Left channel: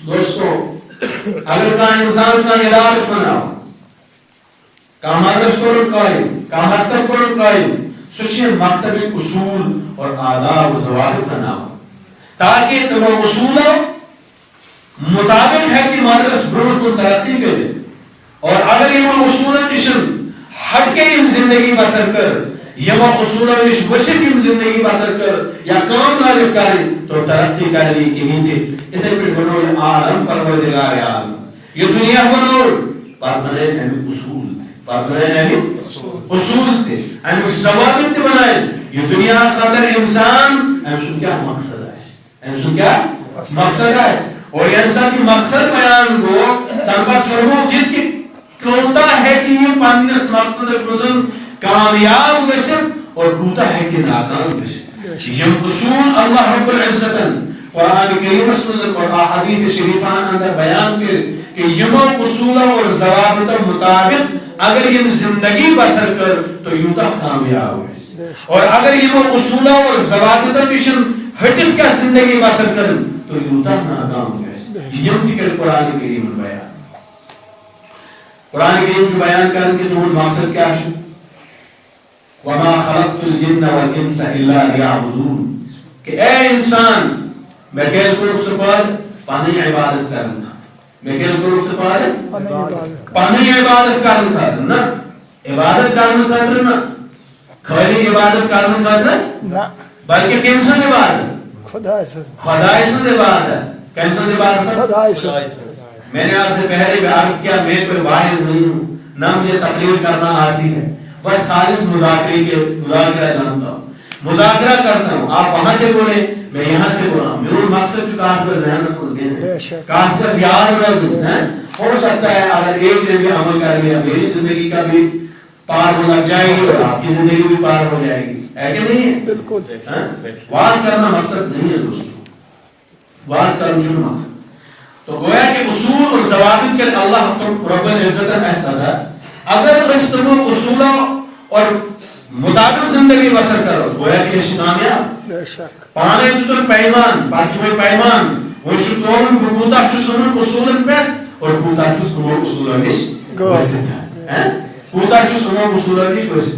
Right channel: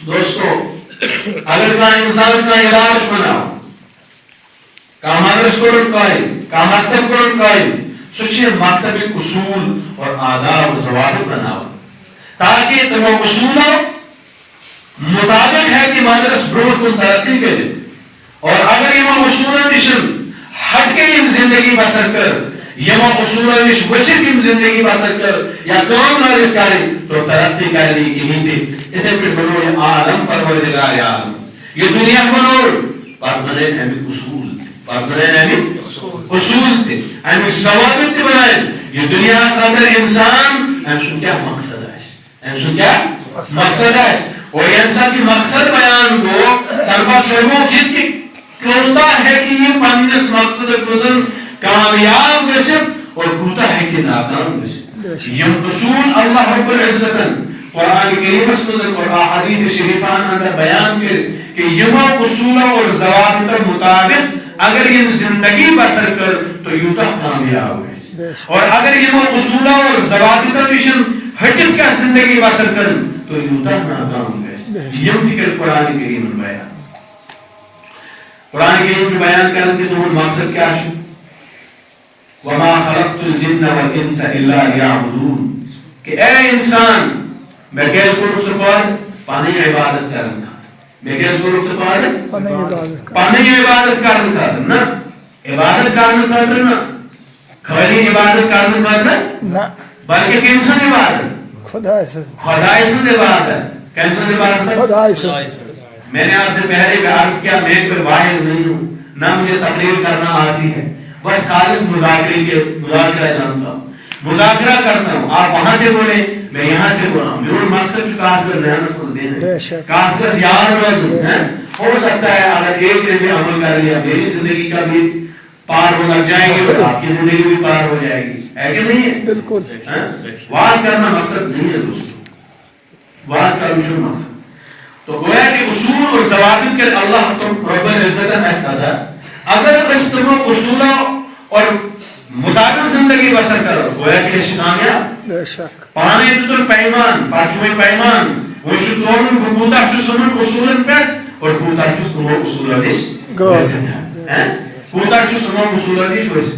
دوستو اگر کا انسان کا علاج بناو کا مدرس کرن قائم کا مکتب کرن قائم سوچے مکتب اصول اور آداب و ضوابط بناو تاکہ تم اصولوں مطابق ہے کہ مدرس برو کو ترقی کرے اور اگر یہ اصولوں نشن ہٹ کے یہ زندگی بسر کر یہ اصولوں نش وسیع زندگی بسر کر یا کام نہ کرے تو ترقی کر لی کہیں تھے اتنے پھر بنو یہ عالم پروردگار عالم یہ دنیا بنو پر بنے ہمیں اصول پر بنے ہمیں اصول تھے ہمیں ضوابط بنائے یہ دنیا صدر انسان ہم کیا مقصد ہے ہم کیا مقصد ہے اور یہ انسان کی مقصد بیان کو تنبا فرمو جیت کی کوتا ہے کہ یہ پانیس مقصد مزن کامیاب گسن اور کوتا ہے کہ ناکام گسن یہ اصول اللہ رب العزت قرآن کریم مزن اور احادیث شریفان اندر بیان کر کہ یہ اصول اور ضوابط مطابق اگر یہ زندگی بسر کر تو یوتا کامیاب ہے اور اگر یہ اصول اور ضوابط نشن ہٹت کا زندگی بسر کر تو یوتا ناکام ہے یہ ذکر قرآن کریم بیان قرآن کریم جو بیان کرنے کے تو مقصد کیا ہے وما خلقت الجن والانس الا ليعبدون کہ اے انسان میں کیس کو سپار پانی عبادت کرنا میں کیس کو سپار پانی عبادت کرنا نا عبادت کرنا نا خالی عبادت کرنا نا بلکہ کن سے عبادت خدا سے عبادت کن سے عبادت خدا سے میں نے آپ سے پہلے بھی عرض کیا میں کوئی واعظ نہیں ہوں نہ مجھے تقریر کرنا آتی ہے بس خالص مذاکرہ جانتا ہوں مذاکرہ کرتا ہوں آپ وہاں سے بولیں میں یہاں سے بولا ہوں میرا مقصد جو کہاں پر ذہن کو دینا کہاں پر یاد رکھوں ہو سکتا ہے اگر ایک دن میں عمل کر لیا میری زندگی کا بھی پار ہو لگ جائے گی اور آپ کی زندگی بھی پار ہو جائے گی ہے کہ نہیں ہے بالکل واعظ کرنا مقصد نہیں ہے دوستو واعظ کرنا مقصد تو گویا کہ اصول اور ضوابط کے اللہ رب العزت ایسا اگر اس تم اصولوں اور مطابق زندگی بسر کرو گویا کہ اس کامیاب پانے تل پیمان پانچویں پیمان وہ شکلون کوتا چسن اصولن پہ اور کوتا چس کو اصولن اس کوتا چس کو اصولن اس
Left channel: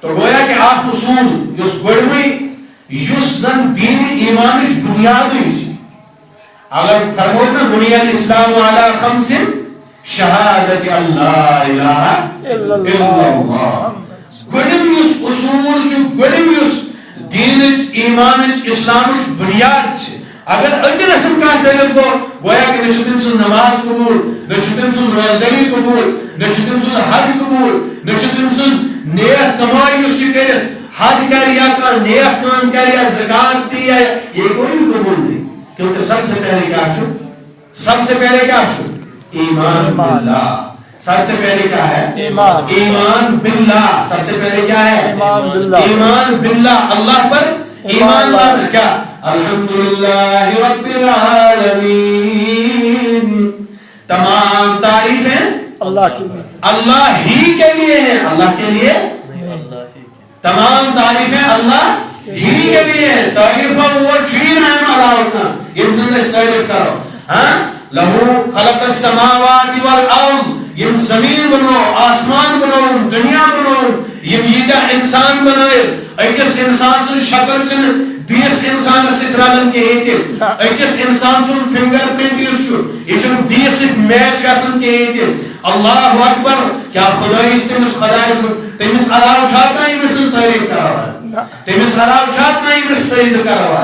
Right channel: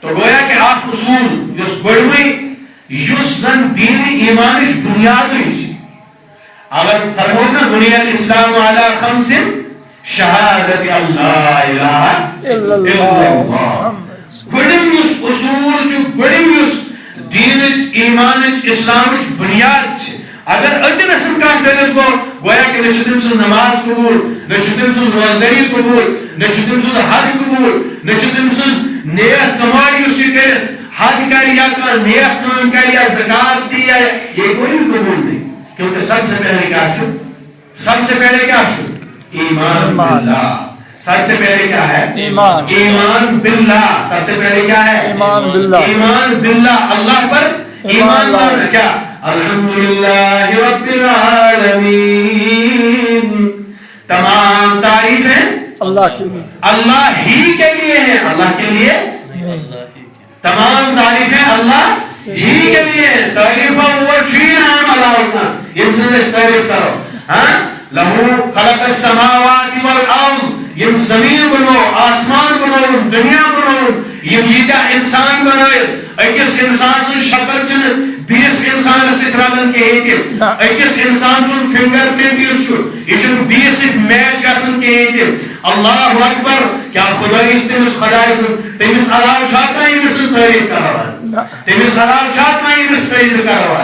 تو گویا کہ آپ اصول جس گڑوی یس زن دین ایمان اس بنیاد اگر فرمونا بنی الاسلام علی خمس شہادت اللہ الہ الا اللہ گڑم یس اصول جو گڑم یس دین ایمان اسلام بنیاد اگر اتنا سن کا ڈلن کو گویا کہ نشتم سن نماز قبول نشتم سن روزداری قبول نشتم سن حج قبول نشتم سن نیک کمائی اسی کرے حج کر یا نیک کام کر یا زکات دی یہ کوئی قبول نہیں کیونکہ سب سے پہلے کیا چھو سب سے پہلے کیا چھو ایمان باللہ سب سے پہلے کیا ہے ایمان باللہ سب سے پہلے کیا ہے ایمان باللہ اللہ پر ایمان لانا کیا الحمدللہ رب العالمین تمام تعریفیں اللہ ہی کے لیے ہیں اللہ کے لیے تمام تعریفیں اللہ ہی کے لیے تعریفہ وہ چین ہے اللہ کا یہ سے تعریف کرو ہاں لہو خلق السماوات والارض یہ زمین بنو آسمان بنو دنیا بنو یہ میدہ انسان بنائے ایکس انسان سن شکل چن بیس انسان سکرالن کے ایتیم ایکس انسان سن فنگر پرنٹ یوز چھو یہ بیس میچ گسن کے ایتیم اللہ اکبر کیا خدای تمس خدای سن تمس علاوہ چھاکا یمس تعریف کرو تمس علاوہ چھاکا یمس سجدہ کرو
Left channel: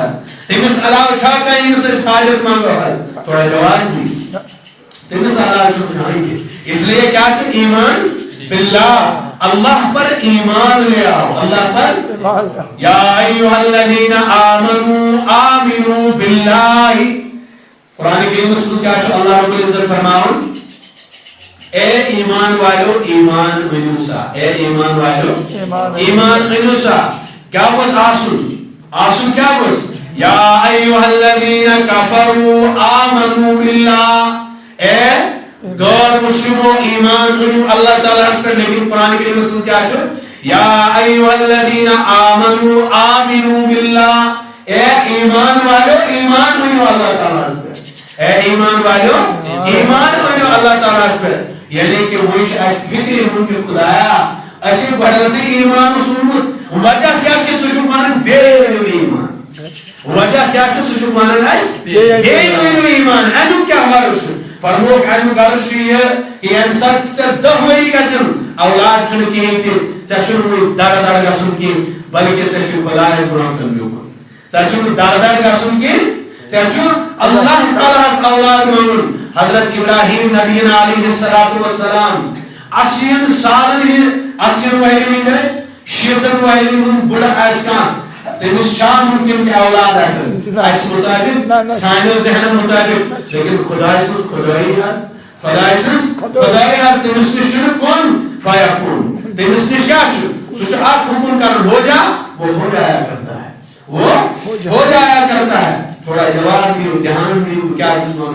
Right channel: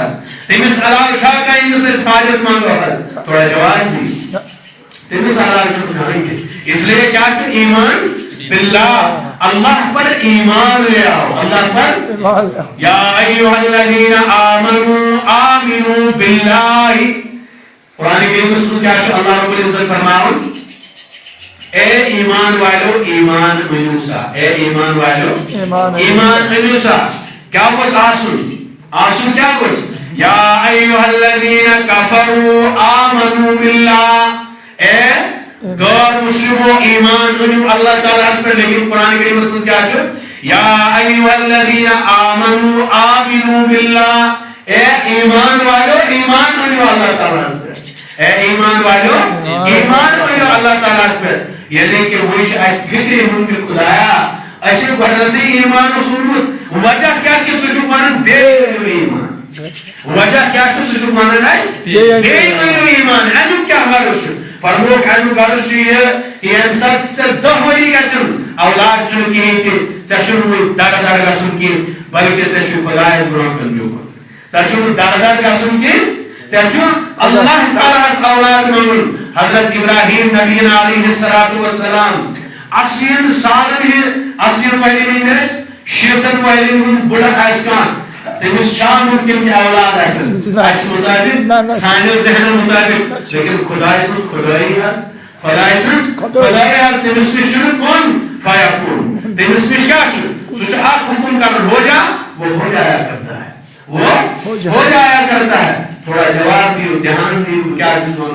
تمس علاوہ چھاکا یمس حاجت منگو تھوڑا جواب دی تمس علاوہ چھاکا اس لیے کیا چھو ایمان باللہ اللہ پر ایمان لے آؤ اللہ پر یا ایوہ الذین آمنوا باللہ قرآن کریم میں کیا چھو اللہ رب العزت فرماؤ اے ایمان والو ایمان انوسا اے ایمان والو ایمان انوسا کیا بس آسن کیا بس یا ایوہ الذین کفروا آمنوا باللہ اے غیر مسلموں ایمان انہوں اللہ تعالیٰ اس پر لیکن قرآن کریم اس میں کیا چھو یا ایوہ الذین آمنوا باللہ اے ایمان والو ایمان انہوں اللہ تعالیٰ اس پر اے ایمان والو ایمان ویو اللہ تعالیٰ پر یعنی کہ ویش اس فکری ہوں کہ خدایا ایسے بدلتے ایمان سنمت وجہ کیا کہ سوچو پانن بے ایمان وجہ کیا کہ سوچو پانن بے ایمان اینو کیا غرش فرموک اینو غرش یہ کہ انسان سے 10 وری گسن اولاد چن کی کہ چشم وی در در گسن کی بلکہ چشم خدای بران کن جو چشم در در گسن کی چشم اللہ تعالیٰ اس اولاد من حضرت ابراہیم نبینا علیہ السلام اسین سالن ہی اسین وائرین دے شیطن وائرین بڑا ایسکان تیمس شان ممکن کہ اولاد ایس مطابق سائنو ذہن مطابق لیکن خدای سن خدای ہے تیمس نشن کون فیکون تیمس نش کیا چھو سوچ آپ حکم کر ہو جا وہ ہو جایا کرتا ہے وہ ہو جایا کرتا ہے تھوڑا جواب دیو دھیان دیو کیا دیو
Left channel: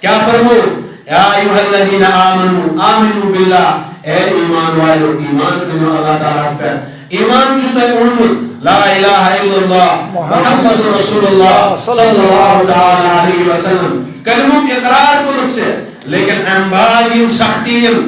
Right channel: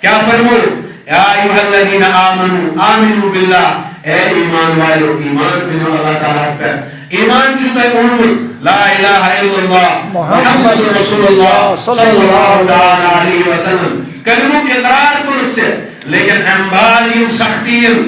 کیا فرمو یا ایوہ الذین آمنوا آمنوا باللہ اے ایمان والو ایمان بنو اللہ تعالیٰ پر ایمان چھتا ہے انمت لا الہ الا اللہ محمد رسول اللہ صلی اللہ تعالیٰ علیہ وسلم کلموں کی اقرار کو رکھ سے لیکن انبالیم سختیم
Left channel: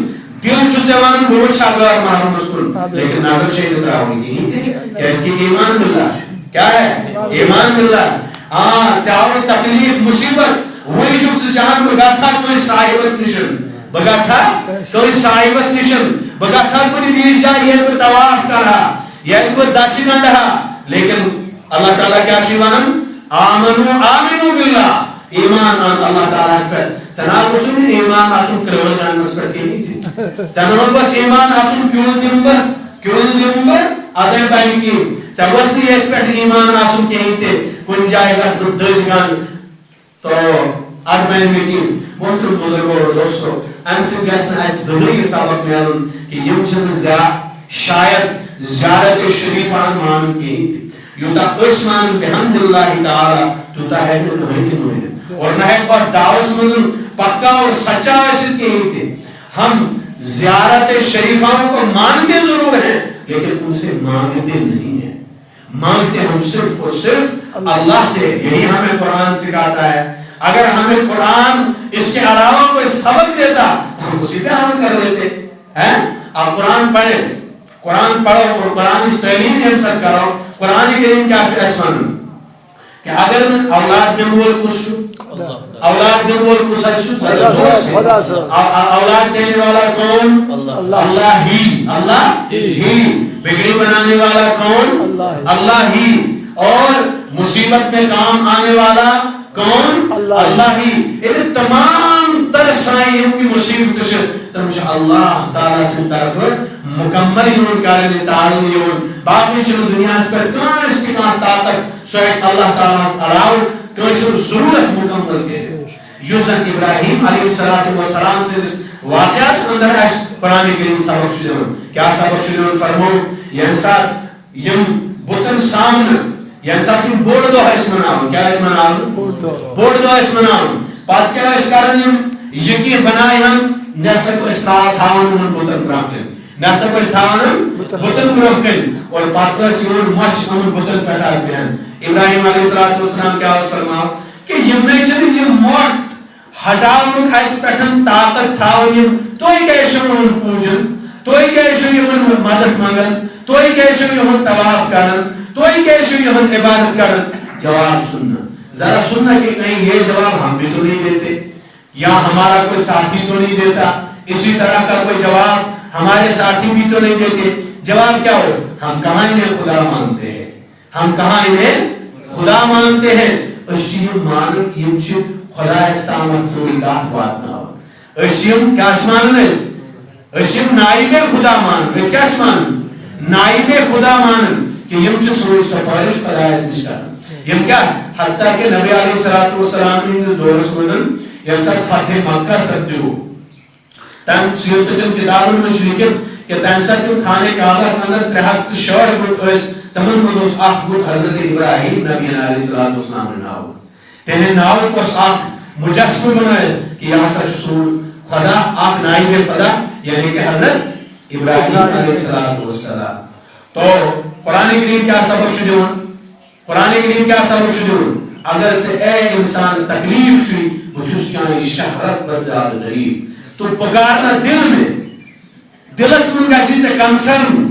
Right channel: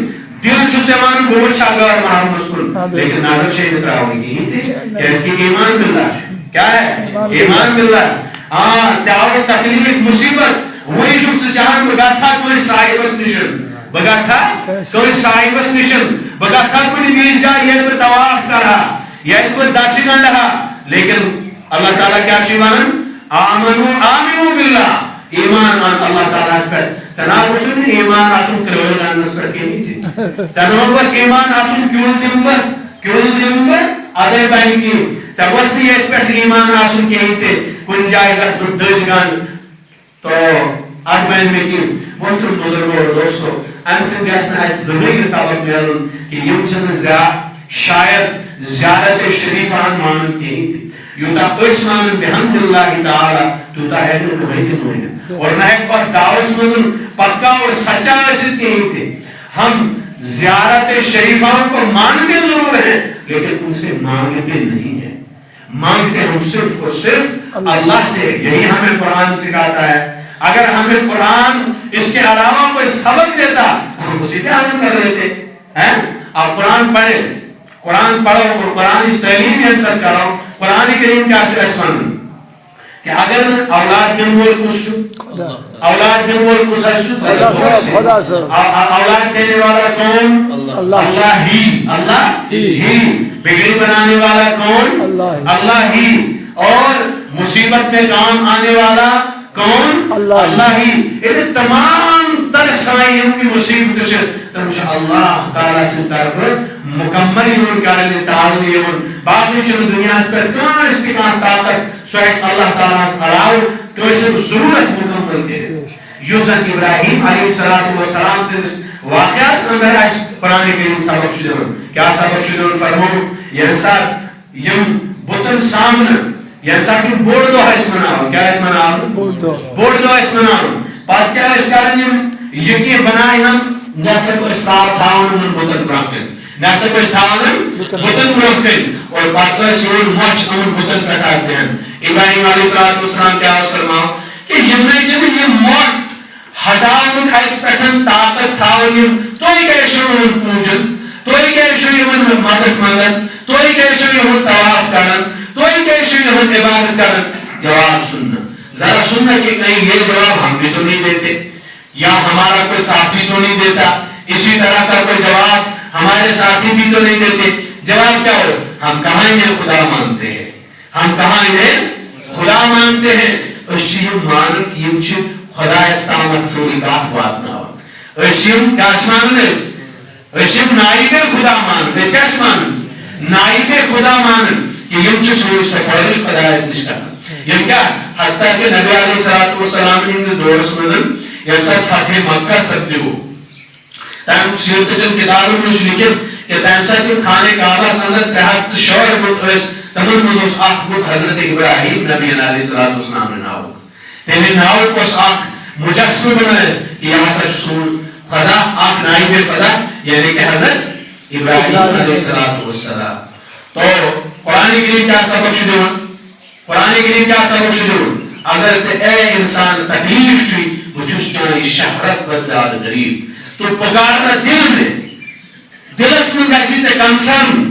دل چھتے من بوچھا گر محمد مسکن لیکن ناظر شہید اترا ہوئی کی کہ اس کی ایمان باللہ کیا ہے ایمان باللہ چاہو تکلیف مصیبت وہی شخص جہاں بگاسا کوئی صاحبس نشن بگاسا کوئی صاحبس نشن بگاسا کوئی بیش جا یہ پر تواف کرا یہ پر داشی گنڈا لیکن اللہ تعالیٰ کیا شیوان آمنو باللہ ایمان آن اللہ تعالیٰ اس پر سناب اسم ایمان آسن کرول گان اس پر کی نہیں تھی سناب بس ایمان آسن کیول دمبر آدھے بائن کی سبستی ایک پر ایمان آسن کی نہیں تھے کن جائے گا دج گان تو آدمائن میں کی محترم بزرگوں اور دوستوں ام سے گیسنا اس زندگی سابق میں آلن کہ یہ چند شاید زیارت شریفان مان کی نہیں تھی یوتا اس مان بحمد اللہ تعالی توتا ہے جو نہیں تھی اور نہ ایک بات دعوس مدن پکا اور سچا رسد کی نہیں تھی ہم زیارت شریفان کو مانتے ضرور ہیں لیکن ان سے مانگتے نہیں ہیں مانگتے ہم صرف اور صرف اللہ سے یہی ہمیں قرآن سکھاتا ہے اگر ہمیں قرآن اس کے علاوہ کوئی سبق دیتا ہم اسی پہ عمل کر لیتے ہیں آپ قرآن پڑھیں قرآن پڑھو اور قرآن اس تعلیم میں انصر کرو قرآن کریم کا اسمان کہ اگر اولاد جنوال کچھ اولاد جنوال کچھ اولاد دینے والا کون اللہ ہی بگڑی بنانے والا کون اللہ ہی اور مصیبت میں کام آنے والا کون اللہ ہی یہ تمام تر سنائیوں کی مصیبت سے تو مجھے اللہ تعالیٰ سے طرف مکمل ہون کرنے تعالی ہون باقی شنو دنیا پر کان استقام طاقت سوئیت اللہ تعالیٰ سے علاو تو اسے ضرورت مکمل کے یوزن ابراہیم علیہ السلام سے اس واقعہ سے اندر آج قرآن کریم سبق شدون کیا سبق شدون فرمو ینسات یم بطن سامن ینسات یم بوڑ دو ہے اس مناؤں کیا اس مناؤں بوڑ دو اس مناؤں پات کیا اس کارن یم یقین بنائے ہم نیسے کو اسلام تھاؤن من بطن براکن نیسے کو اسلام بطن براکن اور پاتوہ سیون مچ امن بطن پیتاز دیں ابراہیم علیہ السلام کیا اس فرماؤں کہ یم نہیں چلی یم موت ہٹاؤن ایک پیٹھن طاقت تھاؤن توئی گئے شروع پوجن توئی گئے شروع مدد مانگن توئی گئے شروع تواف کرن توئی گئے شروع عبادت کرن جواب سننا ذرا سننا کہ کہیں یہ جواب ہم بھی تو نہیں دیتے یا ہمارا کوئی ساتھی تو نہیں دیتا اسی طرح کا کوئی جواب ہمارے ساتھی بھی تو نہیں دیتے جواب کیا ہو ہم کہاں انہیں خدا مانتے ہیں ہم کہاں انہیں خدا مانتے ہیں اشیم مانک یہ خدا استعمت سے نکاح بات نہ ہو اشیم کیا اسمان نے اشیم نائب خدا مان اس کا اسمان نائب خدا مان کہ یہ سوئی سفارش خدا اس نشکر یہ کیا حتیٰ کہ نبی علیہ السلام نے دور سمدن یہ سب فتح مکہ سکتے ہو تاہم سیوت جن کتابوں میں شلیکن کہ تنسا کی کھانے کعبہ سندر تحت شور بود اس تمام مدوس آخ بود حضرت ابراہیم نبی علیہ السلام نے ناو تیمی ناو پس آخ مجسم بنائے کہ یہاں سا سن خدا آخ نائی بے خدا یعنی کہ حضرت ابراہیم علیہ السلام تو قرآن کریم کیا سبق شدون قرآن کریم کیا سبق شدون اگر سے اے انسان تکلیف چی بچوس چانی شہرت پر زیادہ غریب تو پکارنا دل میں دلس میں گیسی تے کنسرن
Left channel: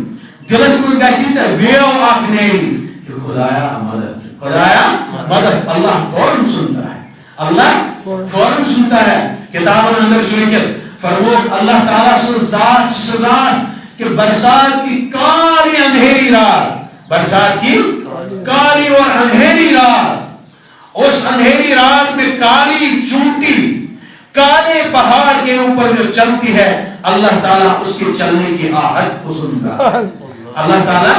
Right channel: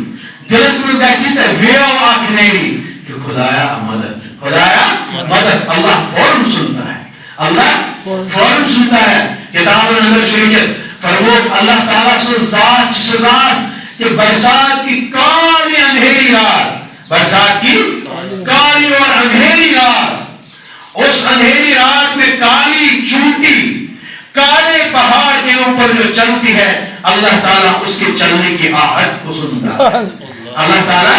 دلس میں گیسی تے ویو آکھ نیری کہ خدایا مدد خدایا مدد اللہ فوراً سنتا ہے اللہ فوراً سنتا ہے کتاب اندر شریعت فرمود اللہ تعالیٰ سے ذات سزاد کہ برسات کی کالی اندھیری رات برسات کی کالی اور اندھیری رات اس اندھیری رات میں کالی چونٹی کالے پہاڑ کے اوپر جو چلتی ہے اللہ تعالیٰ اس کے چلنے کی آہٹ کو سنتا ہے اللہ تعالیٰ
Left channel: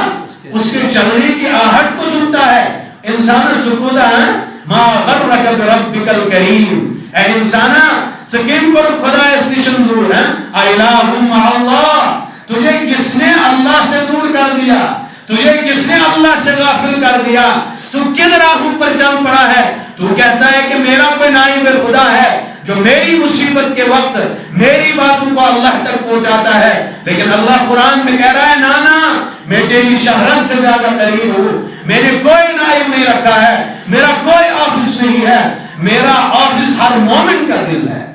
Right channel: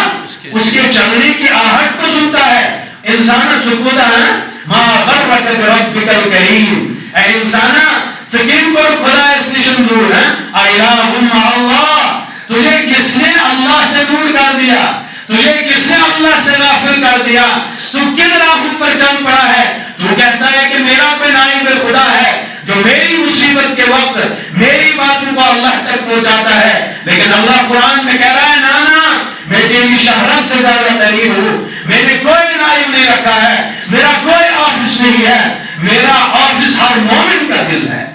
اس کے چلنے کی آہٹ کو سنتا ہے انسان سکوتا ہے ما غرک بربک الکریم اے انسانا سکین کو خدا اس نشن دور ہے الہم اللہ تجھے کس نے اللہ سے دور کر دیا تجھے کس نے اللہ سے غافل کر دیا تو کن راہوں پر چل پڑا ہے تو کہتا ہے کہ میرا کوئی نائب خدا ہے جو میری مصیبت کے وقت میری باتوں کو اللہ تک پہنچاتا ہے لیکن اللہ قرآن میں کہہ رہا ہے نانا میں تیری شہرت سے زیادہ قریب ہوں میں نے کوئی نائب نہیں رکھا ہے میرا کوئی آفس نہیں ہے میرا آفس ہر مومن کا دل ہے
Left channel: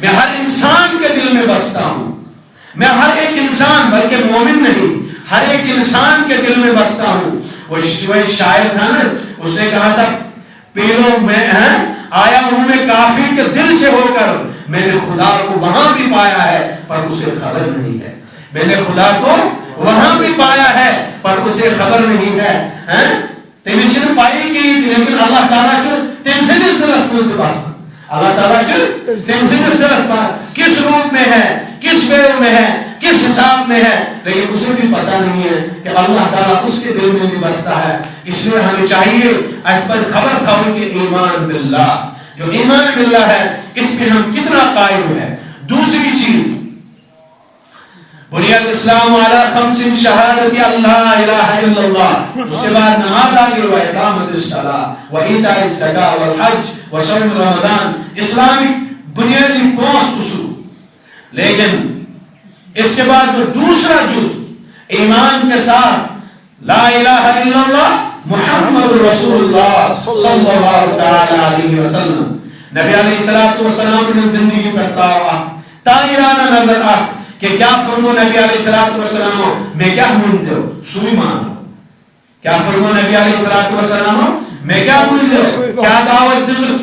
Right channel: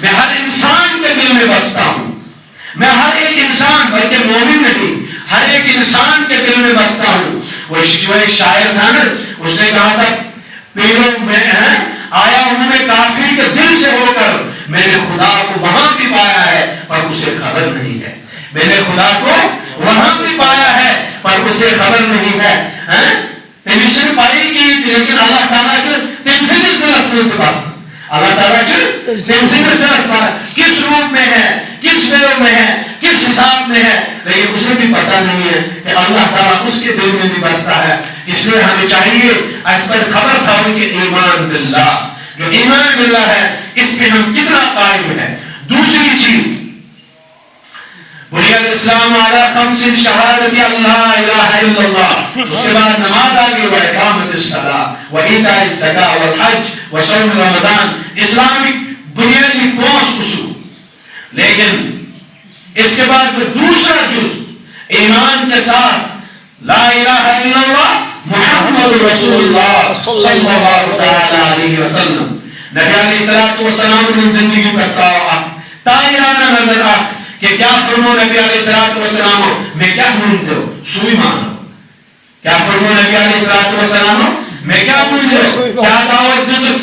میں ہر انسان کے دل میں بستا ہوں میں ہر ایک انسان بلکہ مومن نہیں ہر ایک انسان کے دل میں بستا ہوں وہ ایک شاعر تھا نا اس نے کہا تھا پیروں میں آیا ہوں میں کافر کے دل سے ہو کر میں نے خدا کو وہاں بھی پایا ہے پر اسے خبر نہیں ہے میں نے خدا کو وہاں بھی پایا ہے پر اسے خبر نہیں ہے تیمیشن پائی کی لیکن اللہ تعالیٰ جو تم سے کس طرح سمجھ کے پاس اللہ تعالیٰ جو تم سے کس طرح کس روپ میں ہے کس ویو میں ہے کس حساب میں ہے لیکن اسے بھی پتہ نہیں ہے کہ اللہ تعالیٰ اس کے دل میں بھی بستا ہے اس لیے ہمیں چاہیے اس پر خبر تھا کہ ایمان باللہ جو ایمان باللہ ہے اس پہ ہم کتنا قائم ہے دوسری چیز بنی الاسلام علی خمس شہادت اللہ الہ الا اللہ اس کے بعد نماز آگے و اقامت الصلاۃ و ایتاء الزکاۃ والحج و صوم رمضان اسلامی بنیادی 5 اصول لیکن اس کے بعد جو دوسرا جز ایمان کے ساتھ لا الہ الا اللہ محمد رسول اللہ صلی اللہ علیہ وسلم نبی علیہ السلام نے زندگی پر تائرانہ نظر آ کہ کیا فرمو نبی علیہ السلام میں کیا مانتے ہو سوئی مانو کیا فرمو نبی علیہ السلام میں کیا مانتے ہو کیا دعوت دزر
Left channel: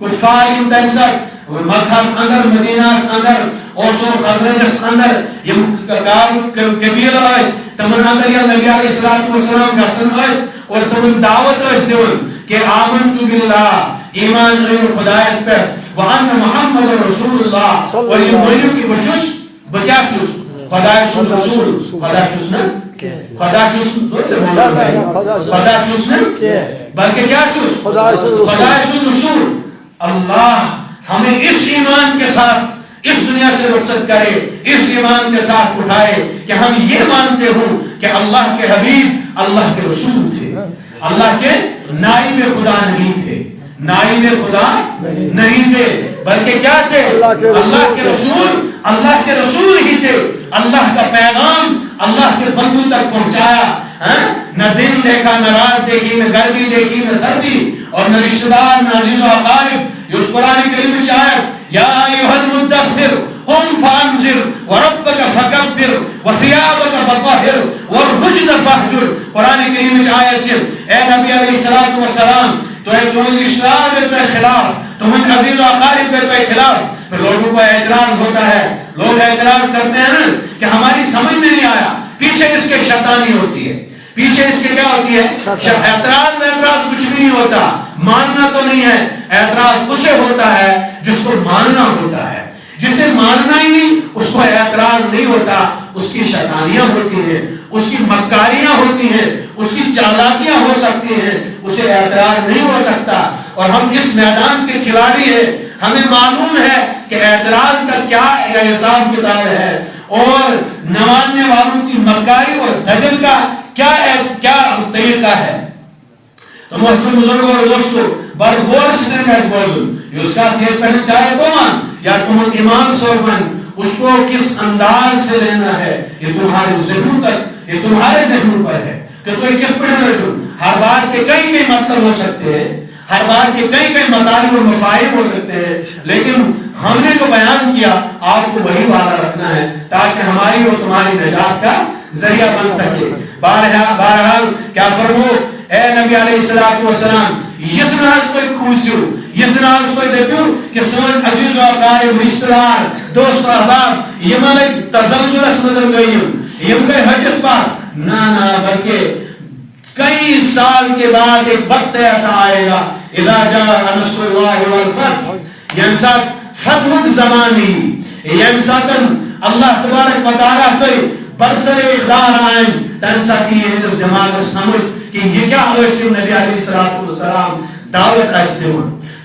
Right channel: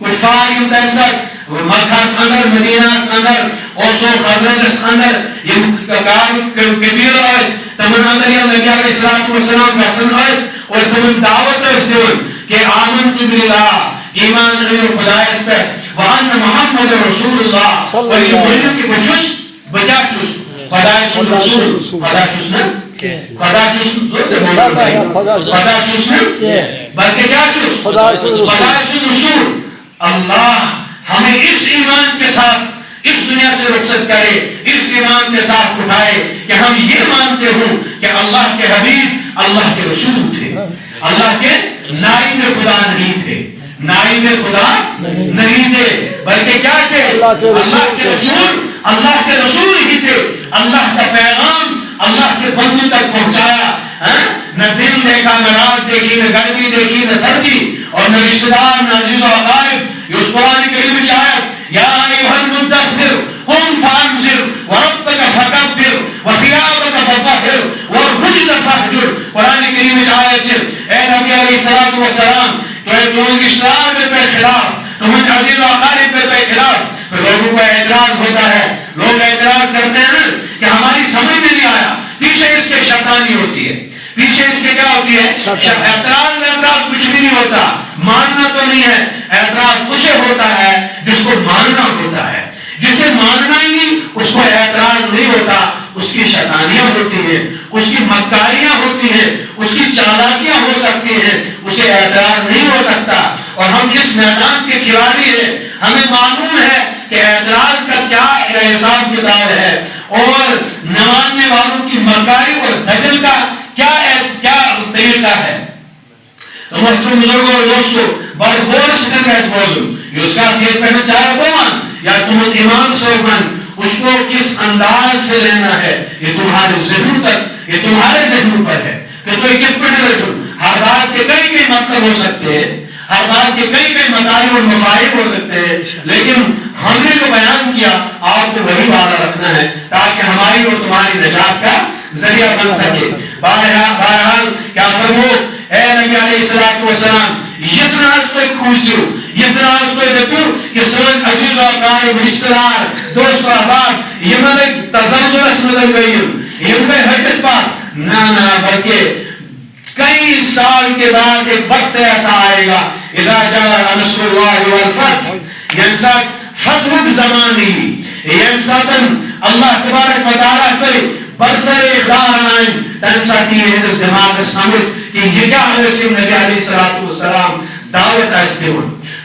کفار تنسر مکہس اندر مدینہس اندر اوسو خزرجس اندر یم قبیل آئیس تمن اندر یا نبی علیہ السلام گسن آئیس اور تمن دعوت آئیس دیون کہ آمنت باللہ ایمان رہو خدا اس پر وان محمد رسول اللہ اور یہ مولو کی بشش بجا چوس خدا سن رسول خدا چوس نا خدا چوس زور سے بولو بھائی خدا چوس نا بلکہ کیا چوس خدا سن رسول اللہ ہمیں اس ایمان کے ساتھ اس دنیا سے رخصت کرے اس ایمان کے ساتھ اٹھائے کہ ہم یہ مانتے ہوں کہ اللہ کے حبیب اللہ کے رسول تھے اللہ کے نائب خدا نہیں تھے نائب خدا نہیں تھے بلکہ کیا تھے اللہ کے رسول ہی تھے اللہ کا پیغام اللہ کے بندوں تک پہنچایا نہ دن دیکھا نہ رات دیکھی نہ گرمی دیکھی نہ سردی اور نہ رشتہ دار نہ عزیز و اقارب اس قرآن کریم میں آیت یا ایھا المدثر قم فانذر وربک فکبر وثیابک فطہر والرجز فاہجر قرآن کریم میں آیت اے نبی علیہ السلام تو تمہیں رشتہ دار پہ خلاف تمہیں عزیز و اقارب پہ خلاف پھر لوگوں کو اعتراض ہوتا ہے لوگ اعتراض کرتے ہیں کہ ہماری سمجھ میں نہیں آیا پیچھے اس کے شیطانی ہوتی ہے پیچھے اس کے کیا ہوتی ہے اعتراض میں اعتراض کچھ بھی نہیں ہوتا ماننا تو نہیں ہے اعتراض اسے ہوتا ہے جس کو ماننا ہوتا ہے جسے ماننا ہی نہیں اس کو اعتراض نہیں ہوتا اس کی شیطانیاں ہوتی ہیں اس کی مکاریاں ہوتی ہیں اس کی چالاکیاں ہو سکتی ہیں اسے اعتراض نہیں ہو سکتا اور ہم اس میدان کے کھلاڑی ہیں ہمیں معلوم ہے کہ اعتراض کا کیا حساب کتاب ہے اور نماننے والوں کی مکاری اور دجل کا کیا طریقہ ہے تو محترم بزرگوں اور دوستوں برغور سکن کا اس موضوع یہ اس کا سیت پہنے چاہے وہ مان یا تم ایمان سے من اس کو کس انداز سے رہنا ہے یہ تمہارے ذہنوں پر ہے کہ تو کس پر ہر بات کے کئی مطلب ہو سکتے ہیں، ہر بات کے کئی مطالب اور مفاہیم ہو سکتے ہیں، لیکن ہم نے جو بیان کیا آپ کو وہی وعدہ رکھنا ہے تاکہ ہماری اور تمہاری نجات کا ذریعہ بن سکے. بہرحال کیا فرمو اے نبی علیہ الصلوۃ والسلام یتنا از کوئی خوشیو یتنا از کوئی دیکھو کہ سن عزیز و اقارب رشتہ دار دوست و احباب یمن تزلزلس مزل گئیم یم گئے حقیقت پاک نہ بلکہ کئی سال کے بعد ایک وقت ایسا آئے گا اذا جاء نصر اللہ والفتح ینسات فتح زمانی ینساتن اللہ تبارک و تعالیٰ کوئی برسر اقدار آئیں تنساتی ہے اس دماغ سمجھ کہ یہ کیا حسیم نبی علیہ السلام دعوت ایستے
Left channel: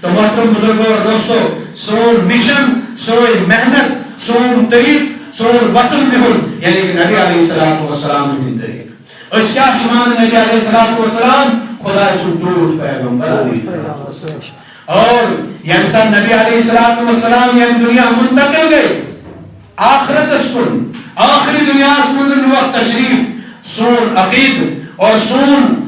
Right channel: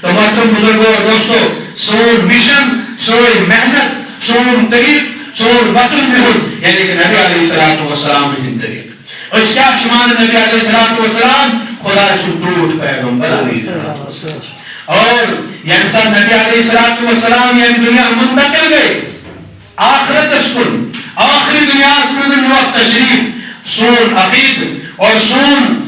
تو محترم بزرگوں اور دوستو سون مشن سون محنت سون طریق سون وطن بہن یعنی کہ نبی علیہ السلام ہی طریق اس کیا شمان نبی علیہ السلام خدا رسول دود پیغمبر علیہ السلام اور یعنی سا نبی علیہ السلام یعنی دنیا منتقل گئے آخرت اسکن آخری دنیا اسکن وقت تشریف سون عقید اور سون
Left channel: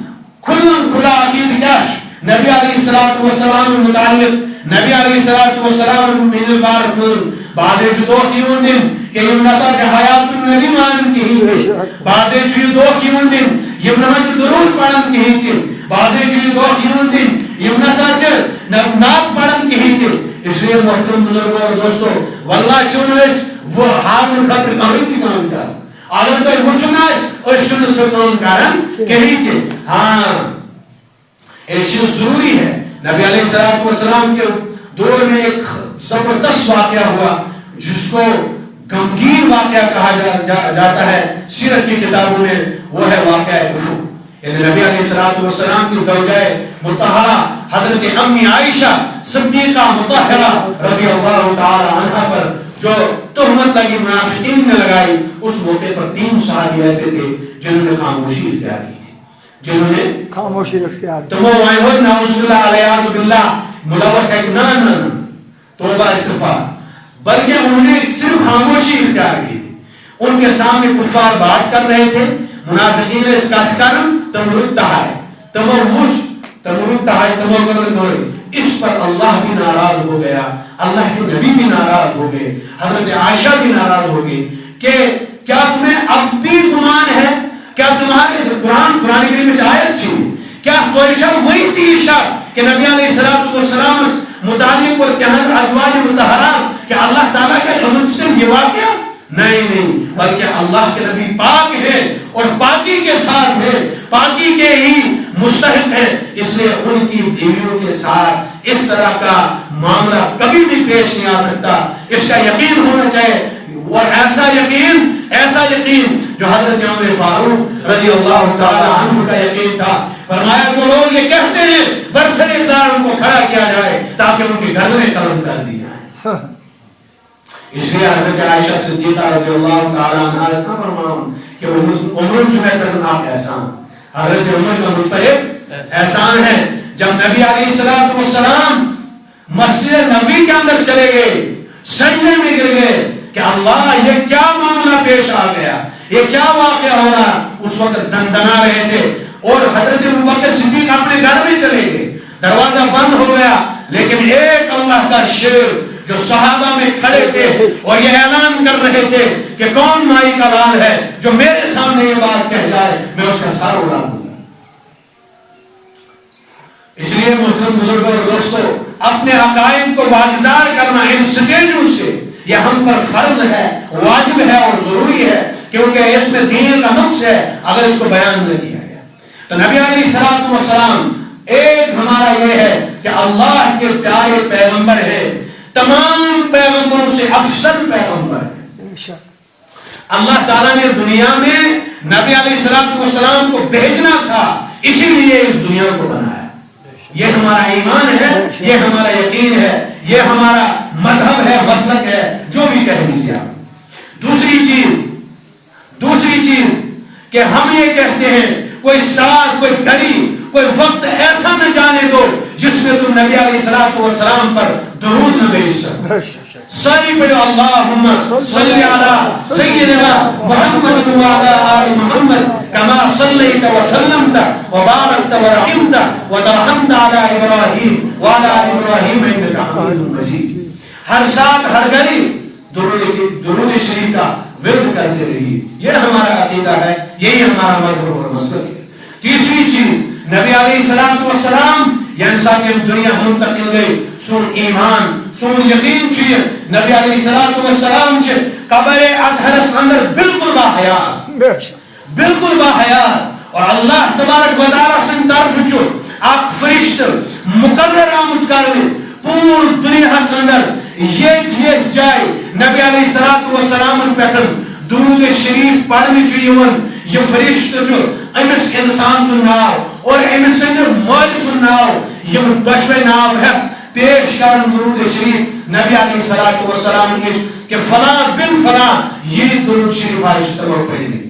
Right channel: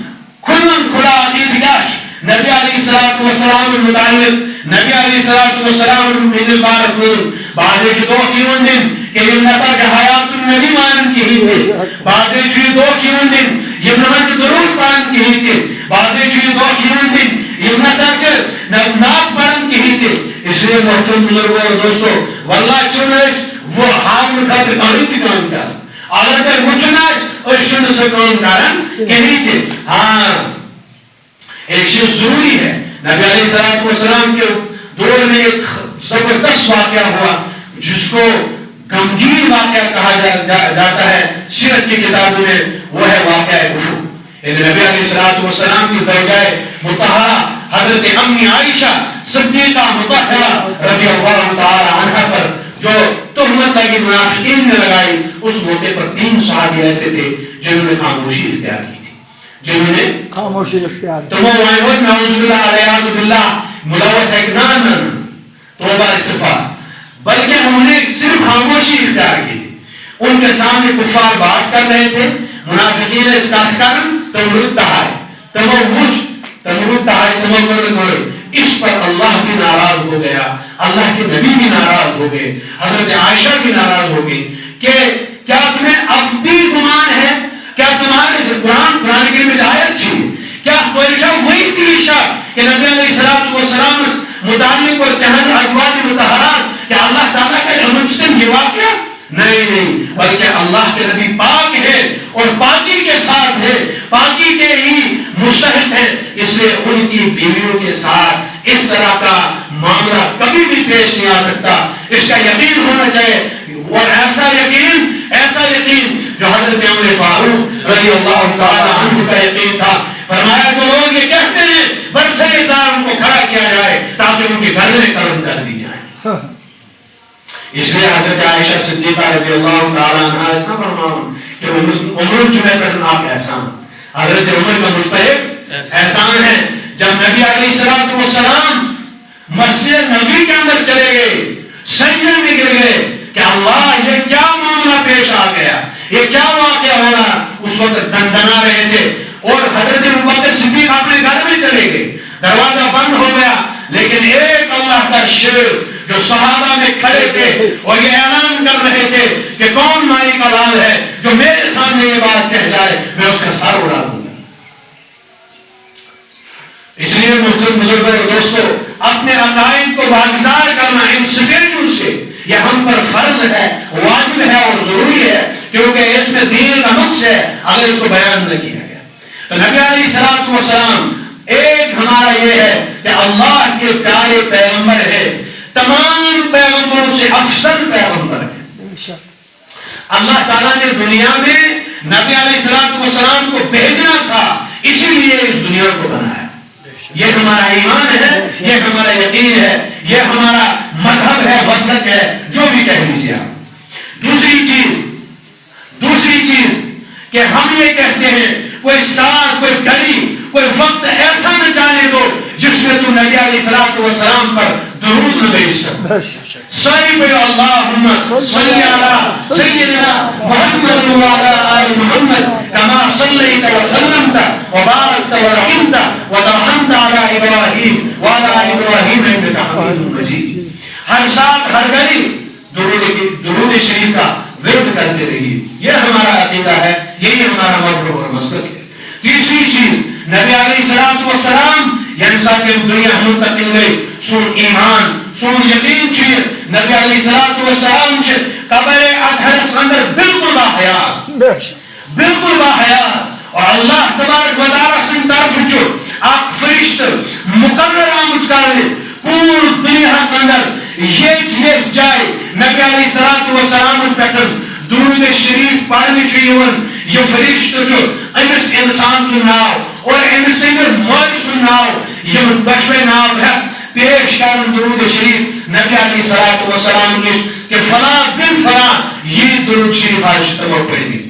کھلا عقید گاش نبی علیہ السلام متعلق نبی علیہ السلام من بارس من بعد دو کیون دن کہ یم نسا کہ حیات النبی مانن کی ہی تھی بعد دو کیون دن یم نمت درود پانن کی ہی تھی بعد دو کیون دن یم نسا چھ ناک پانن کی ہی تھی. اس لیے محترم بزرگوں اور دوستو واللہ چونس وہ حام خاطر کاری کی کام کر آلن کا وچناش اور شن سے کام کرن کہی تھی. ہاں ایک چیز ضروری ہے نبی علیہ السلام کے دور میں ایک زبردست واقعہ ہوا جس کو غمگین واقعہ کہا جاتا ہے سیرت کی کتابوں میں وہ ہے واقعہ کفر. یعنی نبی علیہ السلام کی زوجہ مطہرہ حضرت امی عائشہ صدیقہ مطہرہ رضی اللہ تعالی عنہ پر جو تہمت لگی منافقین نے لگائی اس موقع پر 3 صحابی ایسے تھے جنہوں نے خاموشی اختیار کی تھی جنہوں نے خاموشی اختیار کی. تو وہ وائے ہوئے نعوذ باللہ علیہ باللہ ملوث ہے نان توبہ استغفار بلکہ انہوں نے صرف خاموشی اختیار کی تھی. ان کے سامنے کفار بات کر رہے تھے منافقین اس کا کرم تمرد تہائے تمرد تہائے تمرد اس پر اللہ بھی ناراض ہو گیا اللہ کے نبی بھی ناراض ہو گئے حضرت عائشہ بھی ناراض ہو گئی کہ کیا تمہیں اب بھی گمان ہے کیا تمہارے قرآن کریم میں آیت تھی کیا کوئی شب وہی تھی شب کہ نبی علیہ السلام متعلق اور کہنے ازواج مطہرات کہ اللہ تعالیٰ کا رحمت یہ واقعہ نہیں بلکہ اللہ کے نبی پاک ہے اور پاکی کے ساتھ ہے پاکی کے ہی مستحق ہے اس لیے ان کی بیویوں کے ساتھ اس طرح کا معاملہ کبھی بھی پیش نہیں آ سکتا. اس کا یقین ہونا چاہیے اور ایسا یقین جو حضرت عمر فاروق رضی اللہ تعالی عنہ کا یقین تھا. فرمایا جو لوگ یہ کہتے ہیں برسر دار ان کو کھڑا کیا جائے تاکہ ان کی گردنیں قلم کر دی جائیں. اس لیے حضرت عائشہ صدیقہ رضی اللہ تعالی عنہ اتنا فرماؤں کہ عمر جمعہ کرنا آپ احسان حضرت عمر کا مستحق احسان ہے. جب نبی علیہ السلام مسجد نبی کے اندر چلے گئے سجدے میں گر گئے کہ اللہ یہ کیا معاملہ پیش آ گیا یہ کیا واقعہ ہو رہا. اس وقت دندنا رہے تھے اور حضرت ابوبکر صدیق اپنے گھر میں چلے گئے دروازہ بند ہو گیا لیکن ایک اللہ کا شیر جو صحابہ میں کھڑے تھے اور یہ اعلان کر رہے تھے کہ کون مائی کا لال ہے جو میرے سامنے یہ بات کہہ جائے میں اس کا سر اڑا دوں گا. اس لیے محترم بزرگوں اور دوستو اپنے عقائد کو واگزار کرنا ان سٹیجوں سے یہ ہم پر فرض ہے واجب ہے اور ضروری ہے کیونکہ اس میں دین کا نقص ہے اگر اس کو بیان نہ کیا گیا. تو نبی علیہ السلام ایک ہمارا یہ ہے کہ اللہ کے پیارے پیغمبر ہے تمام پیغمبروں سے افضل پیغمبر ہے. اللہ تعالیٰ نے دنیا میں نبی علیہ السلام کو بھیجنا تھا اسی لیے اس دنیا کو بنایا. یہ ہمارا ایمان ہے یہ ہمارا یقین ہے یہ ہمارا مذہب ہے مسلک ہے جو بھی کہہ لیجیے آپ. دوسری چیز کہ ہم یہ کہتے ہیں کوئی ساتھ کوئی گلی کوئی وقت ایسا نہ جانے دو جس میں تم نبی علیہ السلام پر درود نہ بھیج سکو. ساری پہ اللہم صلی علی سیدنا محمد وعلی آل محمد کما صلیت وسلمت وبارکت ورحمت وترحمت علی ابراہیم وعلی آل ابراہیم انک حمید مجید. ہر ساتھ ہر گھڑی درود شریف کا ورد کرتے رہیے. یہ ہمارا عقیدہ ہے, یہی ہمارا مذہب اور مسلک ہے. تیسری چیز نبی علیہ الصلوۃ والسلام یعنی ساتھ دنیا منتقل گئی سون ایمان سون یقین چیز نبی علیہ الصلوۃ والسلام چھ قبر اطہر اندر بالکل باحیات بالکل باحیات اور اللہ تبارک و تعالی سن طرف چھ اک فرشت مقرر آمد کرنے پور دنیا اندر یہ جائے نبی علیہ الصلوۃ والسلام پہ درود شریف پڑھنے چھ یہ فرشت جو امس انسان سن ناو اور امس سندر مول سن ناو یہ دشوے ناو ہے پیش کرن درود شریف نبی علیہ الصلوۃ والسلام نے کہ فلاں بن فلاں یہ درود شریف آج تمام پڑھی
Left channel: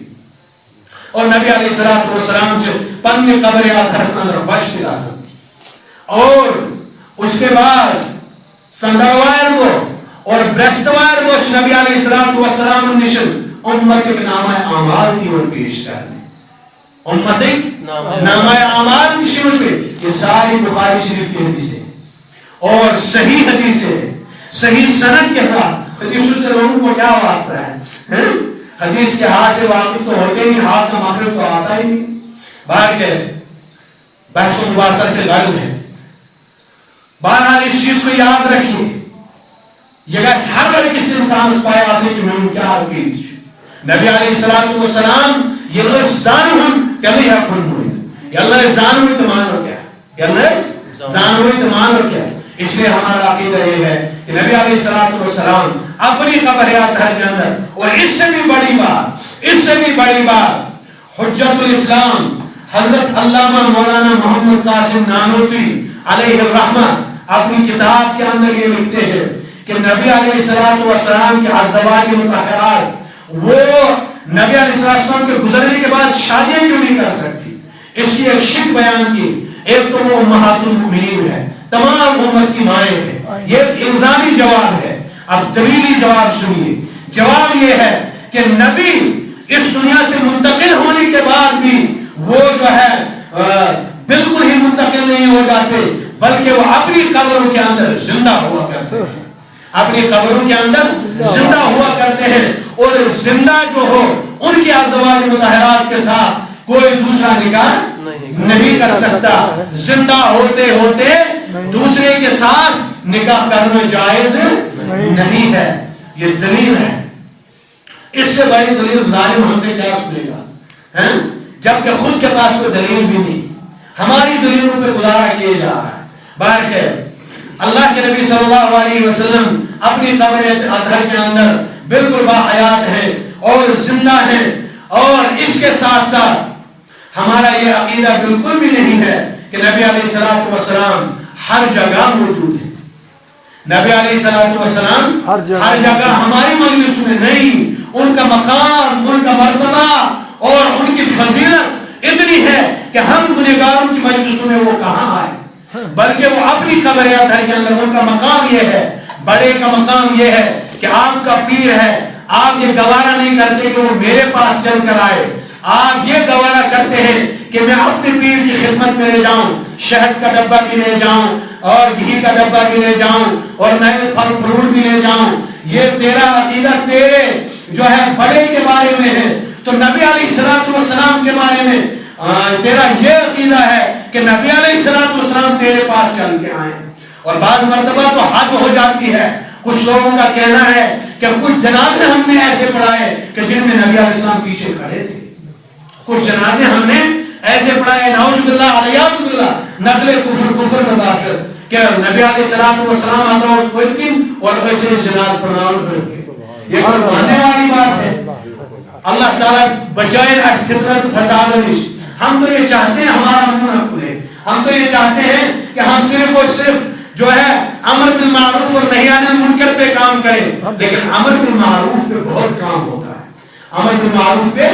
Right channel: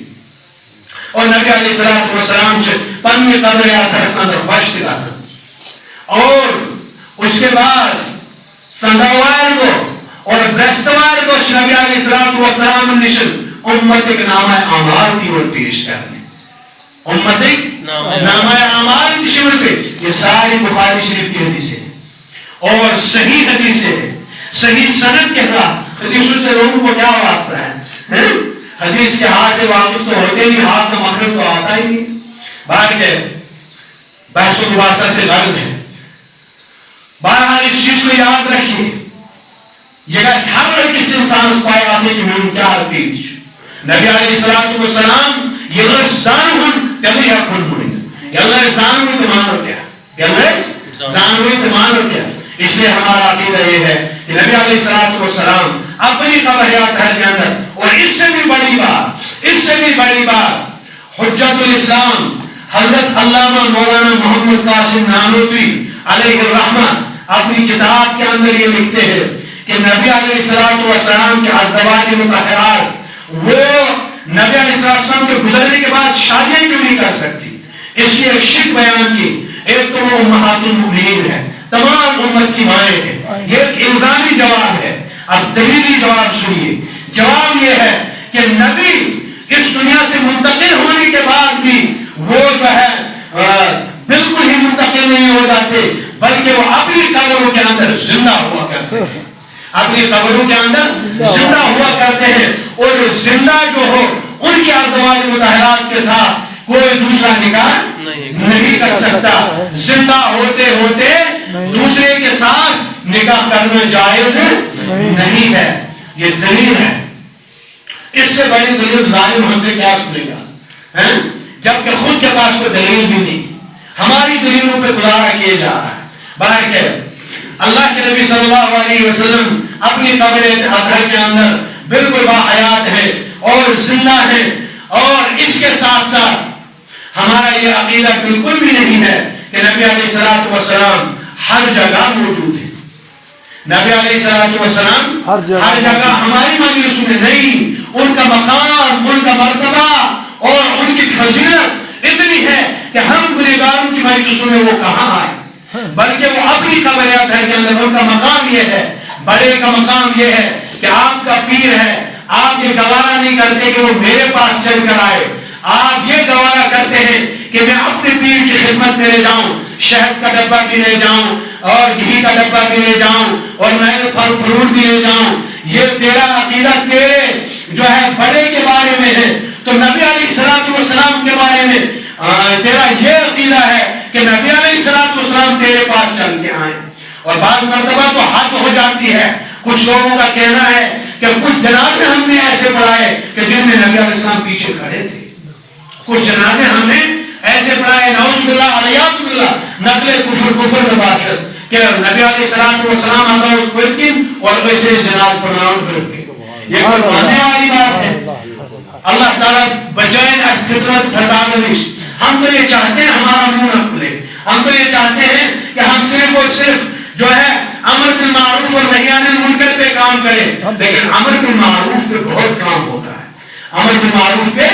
اور نبی علیہ الصلوۃ والسلام سے پنی قبر اطہر اندر خوشت گاسن اور اس کے بعد سندوار کو اور برستوار کو نبی علیہ الصلوۃ والسلام نشن امت کے نامہ اعمال کی اور پیش کرنے امت نامہ اعمال کی شمول پہ یہ ساری بخاری شریف کی حدیث ہے اور صحیح حدیث ہے صحیح سند کے خلاف. حدیثوں سے لوگوں کو کیا واسطہ ہے؟ حدیث کے ہاتھ سے واقف تو ہوتے نہیں, ہاتھ کا مخرج تو آتا ہی نہیں. باہر کے بحث و مباحثہ سے غرض ہے. بہرحال اس چیز کو یاد رکھیے یہ ہر کس انسان اس پائے واسے کہ میں کیا حقیقت نبی علیہ الصلوۃ والسلام یہ زانون کبھی حکم ہوئی اللہ زانوی تمانو کیا زانوی تمانو کیا. اس لیے ہمارا عقیدہ یہ ہے کہ نبی علیہ الصلوۃ والسلام اپنی قبر اطہر کے اندر اور اس سے بھی بڑی بات حجت الاسلام حضرت علامہ مولانا محمد قاسم نانوتوی علیہ الرحمہ اپنی کتاب کے اندر یہ لکھتے ہیں کہ نبی علیہ الصلوۃ والسلام کے ازواج مطہرات وہ نبی علیہ السلام کے گزرنے کے بعد شادیاں کیوں نہیں کر سکتی. اس کی ایک شک بیان کی. ایک تو وہ امہات المؤمنین ہے, تمام امت کی مائیں ہیں. یہ ایک الزامی جواب ہے. اب دلیلی جواب سنیے. جواب یہ ہے کہ نبی اس دنیا سے منتقل ہونے کے بعد بھی وہ جو ہے بالکل ہی منتقل نہیں ہو جاتے بلکہ وہ اپنی قبروں کے اندر زندہ ہوا کرتے ہیں. اپنی قبروں کے اندر زندہ ہوا کرتے ہیں اور زندہ جو ہو ان کی ازواج مطہرات کے ساتھ کوئی دوسرا نکاح نہیں کر سکتا. زندہ ہوتے ہوتے دوسرے کے ساتھ نکاح کرنا جائز نہیں ہے. یہ دلیل ہے. اس سے بڑی دلیل ظالم ہم سے کیا سنے گا جبکہ خود کے پاس کوئی دلیل بھی نہیں. ہماری دلیلوں پہ گزارا کیے جا رہا ہے. باہر کے اللہ کے نبی صلی اللہ علیہ وسلم اپنی قبر اطہر کے اندر بالکل باحیات ہے اور زندہ ہے. اور اس کے ساتھ ساتھ ہمارا یہ عقیدہ بالکل بھی نہیں ہے کہ نبی علیہ الصلوۃ والسلام ہر جگہ موجود ہے. نبی علیہ الصلوۃ والسلام ہر جگہ ہماری مجلسوں میں نہیں. ان کا مقام, ان کا مرتبہ اور ان کی فضیلت اتنی ہے کہ ہم گنہگاروں کی مجلسوں میں وہ کہاں آئے, بلکہ وہ اپنی قبر اطہر کے اندر ان کا مقام یہ ہے, بڑے کا مقام یہ ہے کہ آپ کا پیر ہے, آپ یہ گوارا نہیں کرتے کہ وہ میرے پاس چل کر آئے. آپ یہ گوارا کرتے ہیں کہ میں اپنے پیر کی خدمت میں لے جاؤں, شہد کا ڈبہ بھی لے جاؤں اور گھی کا ڈبہ بھی لے جاؤں اور نئے پھل فروٹ بھی لے جاؤں. یہ تیرا عقیدہ تیرے جو ہے بڑے کے بارے میں ہے. تو نبی علیہ الصلوۃ والسلام کے بارے میں تیرا یہ عقیدہ ہے کہ نبی علیہ الصلوۃ والسلام تیرے پاس چل کے آئے. اور بعض مرتبہ تو حد ہو جاتی ہے. کچھ لوگوں کا کہنا ہے کہ کچھ جنازے ہم نے ایسے پڑھائے کہ جن میں نبی علیہ السلام پیچھے کھڑے تھے. کچھ جنازے ہم نے ایسے پڑھائے نعوذ باللہ علیہ باللہ نقل کفر مباشرت کہ نبی علیہ الصلوۃ والسلام آزاد کوئتین اور ویسے جناز پڑھاؤں پھر یہ کوئی ماننے والی بات ہے. اللہ تعالیٰ بجائے فطرت فساد نش. ہم تو یہ چاہتے ہیں ہمارا منہ نہ کھلے. ہم تو یہ چاہتے ہیں کہ ہم صرف اور صرف جو ہے امر بالمعروف اور نہی عن المنکر پہ کام کریں. لیکن امر بالمعروف پہ بہت کام ہوتا ہے. امر بالمعروف پہ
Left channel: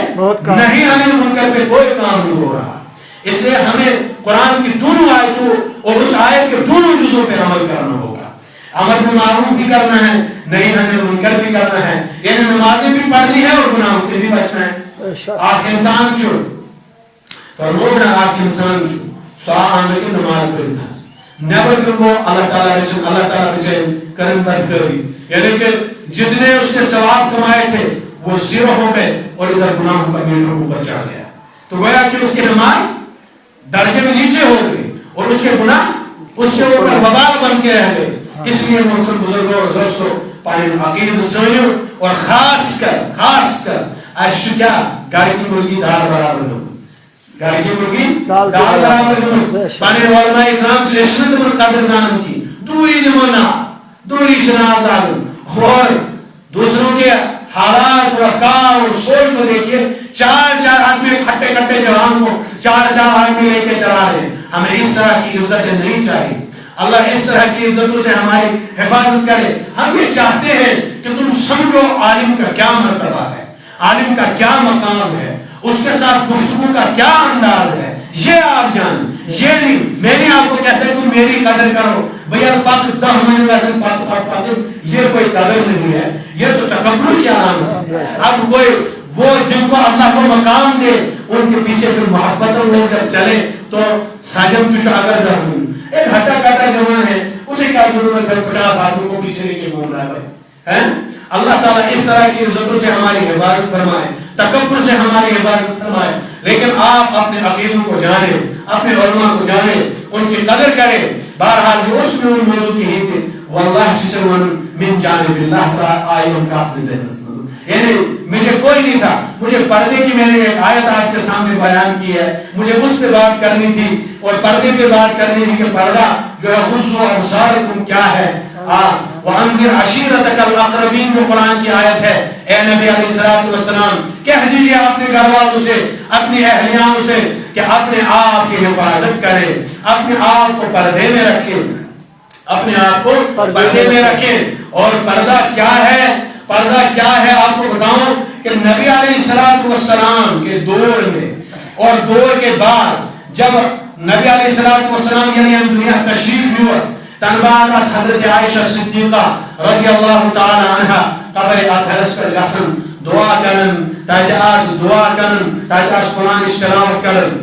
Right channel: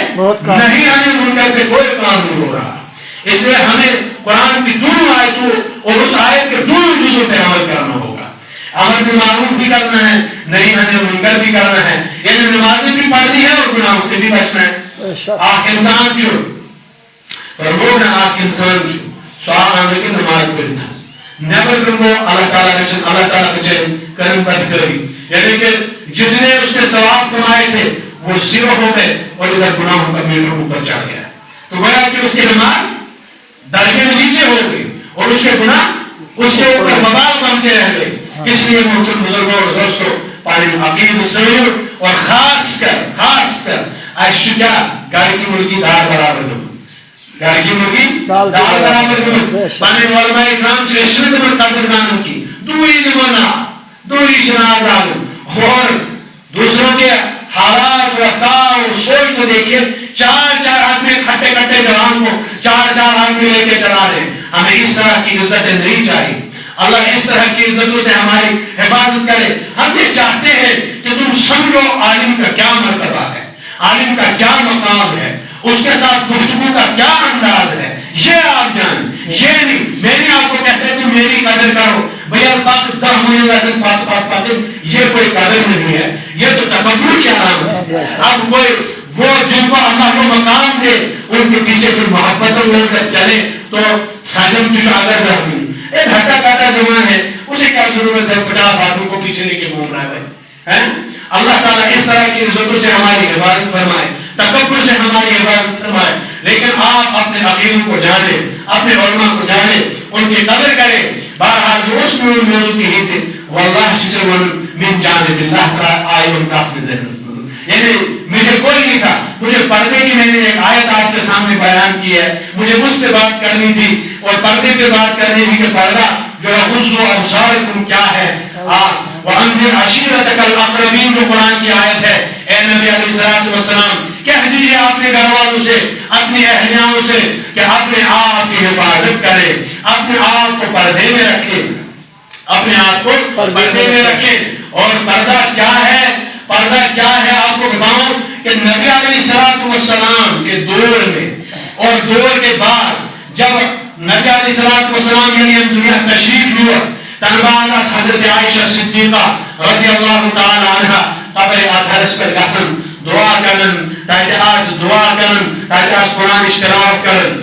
نہی عن المنکر پہ کوئی کام نہیں ہو رہا. اس لیے ہمیں قرآن کی دونوں آیتوں اور اس آیت کے دونوں جزوں پہ عمل کرنا ہوگا. امر بالمعروف بھی کرنا ہے، نہی عن المنکر بھی کرنا ہے، یعنی نمازیں بھی پڑھنی ہے اور گناہوں سے بھی بچنا ہے. اخ انسان چھُ فرمونا اخ انسان چھُ سُہ آو اندر نماز پڑھتھ نیبر کن گو اللہ تعالیٰ بچن کرن بدکاری، یعنی کہ جتنے اس نے ثواب کمائے تھے وہ زیرو ہو گئے اور ادھر گناہوں کا میٹر اوپر چڑھ گیا. تو گویا کہ اس کی نماز درجے میں نیچے ہو گئی اور اس کے گناہ اس کے اوپر وبال بن کے رہ گئے. اس لیے محترم بزرگوں اور دوستوں پانی عقید سویو اور خاص کر اشو کیا گھر کی مرغی دار برابر نمو، گھر کی مرغی دار برابر نمو. پانی علماء اکرام سے رشوت میں قدر زانم کی دوری نمونا دوری شناب دارم اور دوسروں کے حالات و افکار اور سوچ کو دیکھیے. چار آدمی کھٹے جوان کو چار آدمی لے کے چلا رہے. ہمیں اس طرح کی عزتیں نہیں چاہیے. اللہ اس طرح کی عزتوں سے ہماری حفاظت کرے. ہم یہ چاہتے ہیں کہ تم سمجھو عالم کا کیا مرتبہ ہے، عالم کا کیا مقام ہے، اس کے ساتھ گفتگو کا کیا انداز ہے. یہ آپ جانیں، یہ نہیں میں نے آپ کو کہتا ہے تم میری قدر کرو بھیا پاک 10 مہینے لازم پاک یہ کوئی قدر نہیں ہے، یہ تو تکبر کی علامت ہے. اب کوئی وہ جن کو اللہ کو مقام دے ان کے پیچھے پھر محبتوں لے کر چلے تو ساجم کی شہادت درمی ایک ہٹا کاٹا جوان ہے، اسے کیا ضرورت ہے 50 آدمی کو پیچھے لے کے گھوم رہا ہے. اللہ تعالیٰ اس طرح کی عزتوں سے ہماری حفاظت فرمائے، تکبر سے ہماری حفاظت فرمائے. لیکن آپ اپنے عقیدوں کو جانیں، اپنے علماء کو جانیں، ان کی قدر کریں. بہرحال جو اس میں ان موضوع کی ہی تھے واللہ شسون من جانب اللہ تعالیٰ آئے ان کا اپنے ذہن سے، یعنی مجھے کوئی نہیں تھا، مجھے پردے کی میں نے ایک آیت آپ کے سامنے بیان کی ہے، مجھے اس پہ بات کرنی تھی اور پردے پہ بات کرنی تھی کہ پردہ جو ہے غضوا ابصارکم کیا ہے. وَأَنذِرْ عَشِيرَتَكَ الْأَقْرَبِينَ جو قرآن کی آیت ہے. اے نبی علیہ الصلوۃ والسلام کہہ دیجیے اپنے گھر والوں سے، اپنی اہلیاؤں سے کہ اپنے آپ کی حفاظت کرے، اپنے آپ کو پردے میں رکھے، اپنے آپ کو پردے میں رکھے. اور پردہ کیا ہے؟ پردہ کیا ہے آپ کو بتاؤں کہ نبی علیہ الصلوۃ والسلام کے دور میں اور دور کے بعد جب نبی علیہ الصلوۃ والسلام یعنی ہم دنیا تشریف لیے تنباد از حضرت عائشہ صدیقہ رضی اللہ تعالی عنہ قبر ادھرس پر گسن دعا کرن تاکہ دعا کرن تاکہ قرآن اشتراک کرن.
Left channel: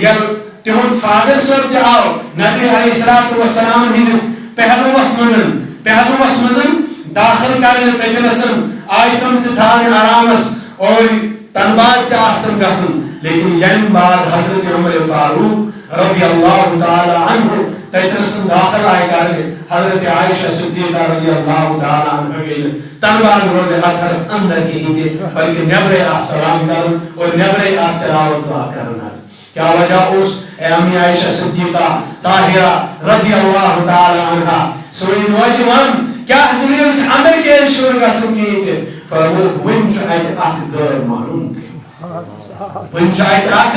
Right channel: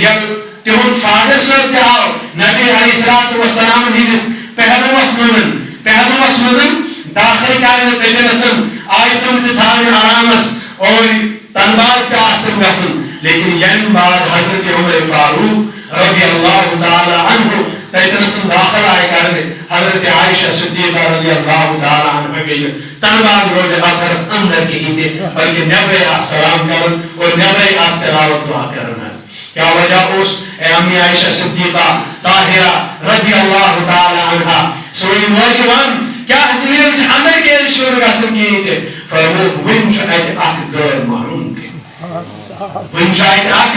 جب تہن فادر صاحب تہ آو نبی علیہ الصلوۃ والسلام ہندس پہلوس مزن داخل کرنے پیغمبرسن آیتن تھان آرامس اور تنباد کا آستم گسن. لیکن یم بعد حضرت عمر فاروق رضی اللہ تعالی عنہ تیتنسن داخل آئے کرنے حضرت عائشہ صدیقہ رضی اللہ تعالی عنہ کے تنباد روز آخرس اندر کی ہی تھے بلکہ نبی السلام کرن اور نبی استلاوت دعا کرن. کیا وجہ اس اے امی عائشہ صدیقہ طاہرہ رضی اللہ تعالی عنہ سوئی موجوان کیا دنیا میں اندر کے شور گسن کیے تھے فرمو ون شاید اک غیر معلوم تھے، ون شاید اک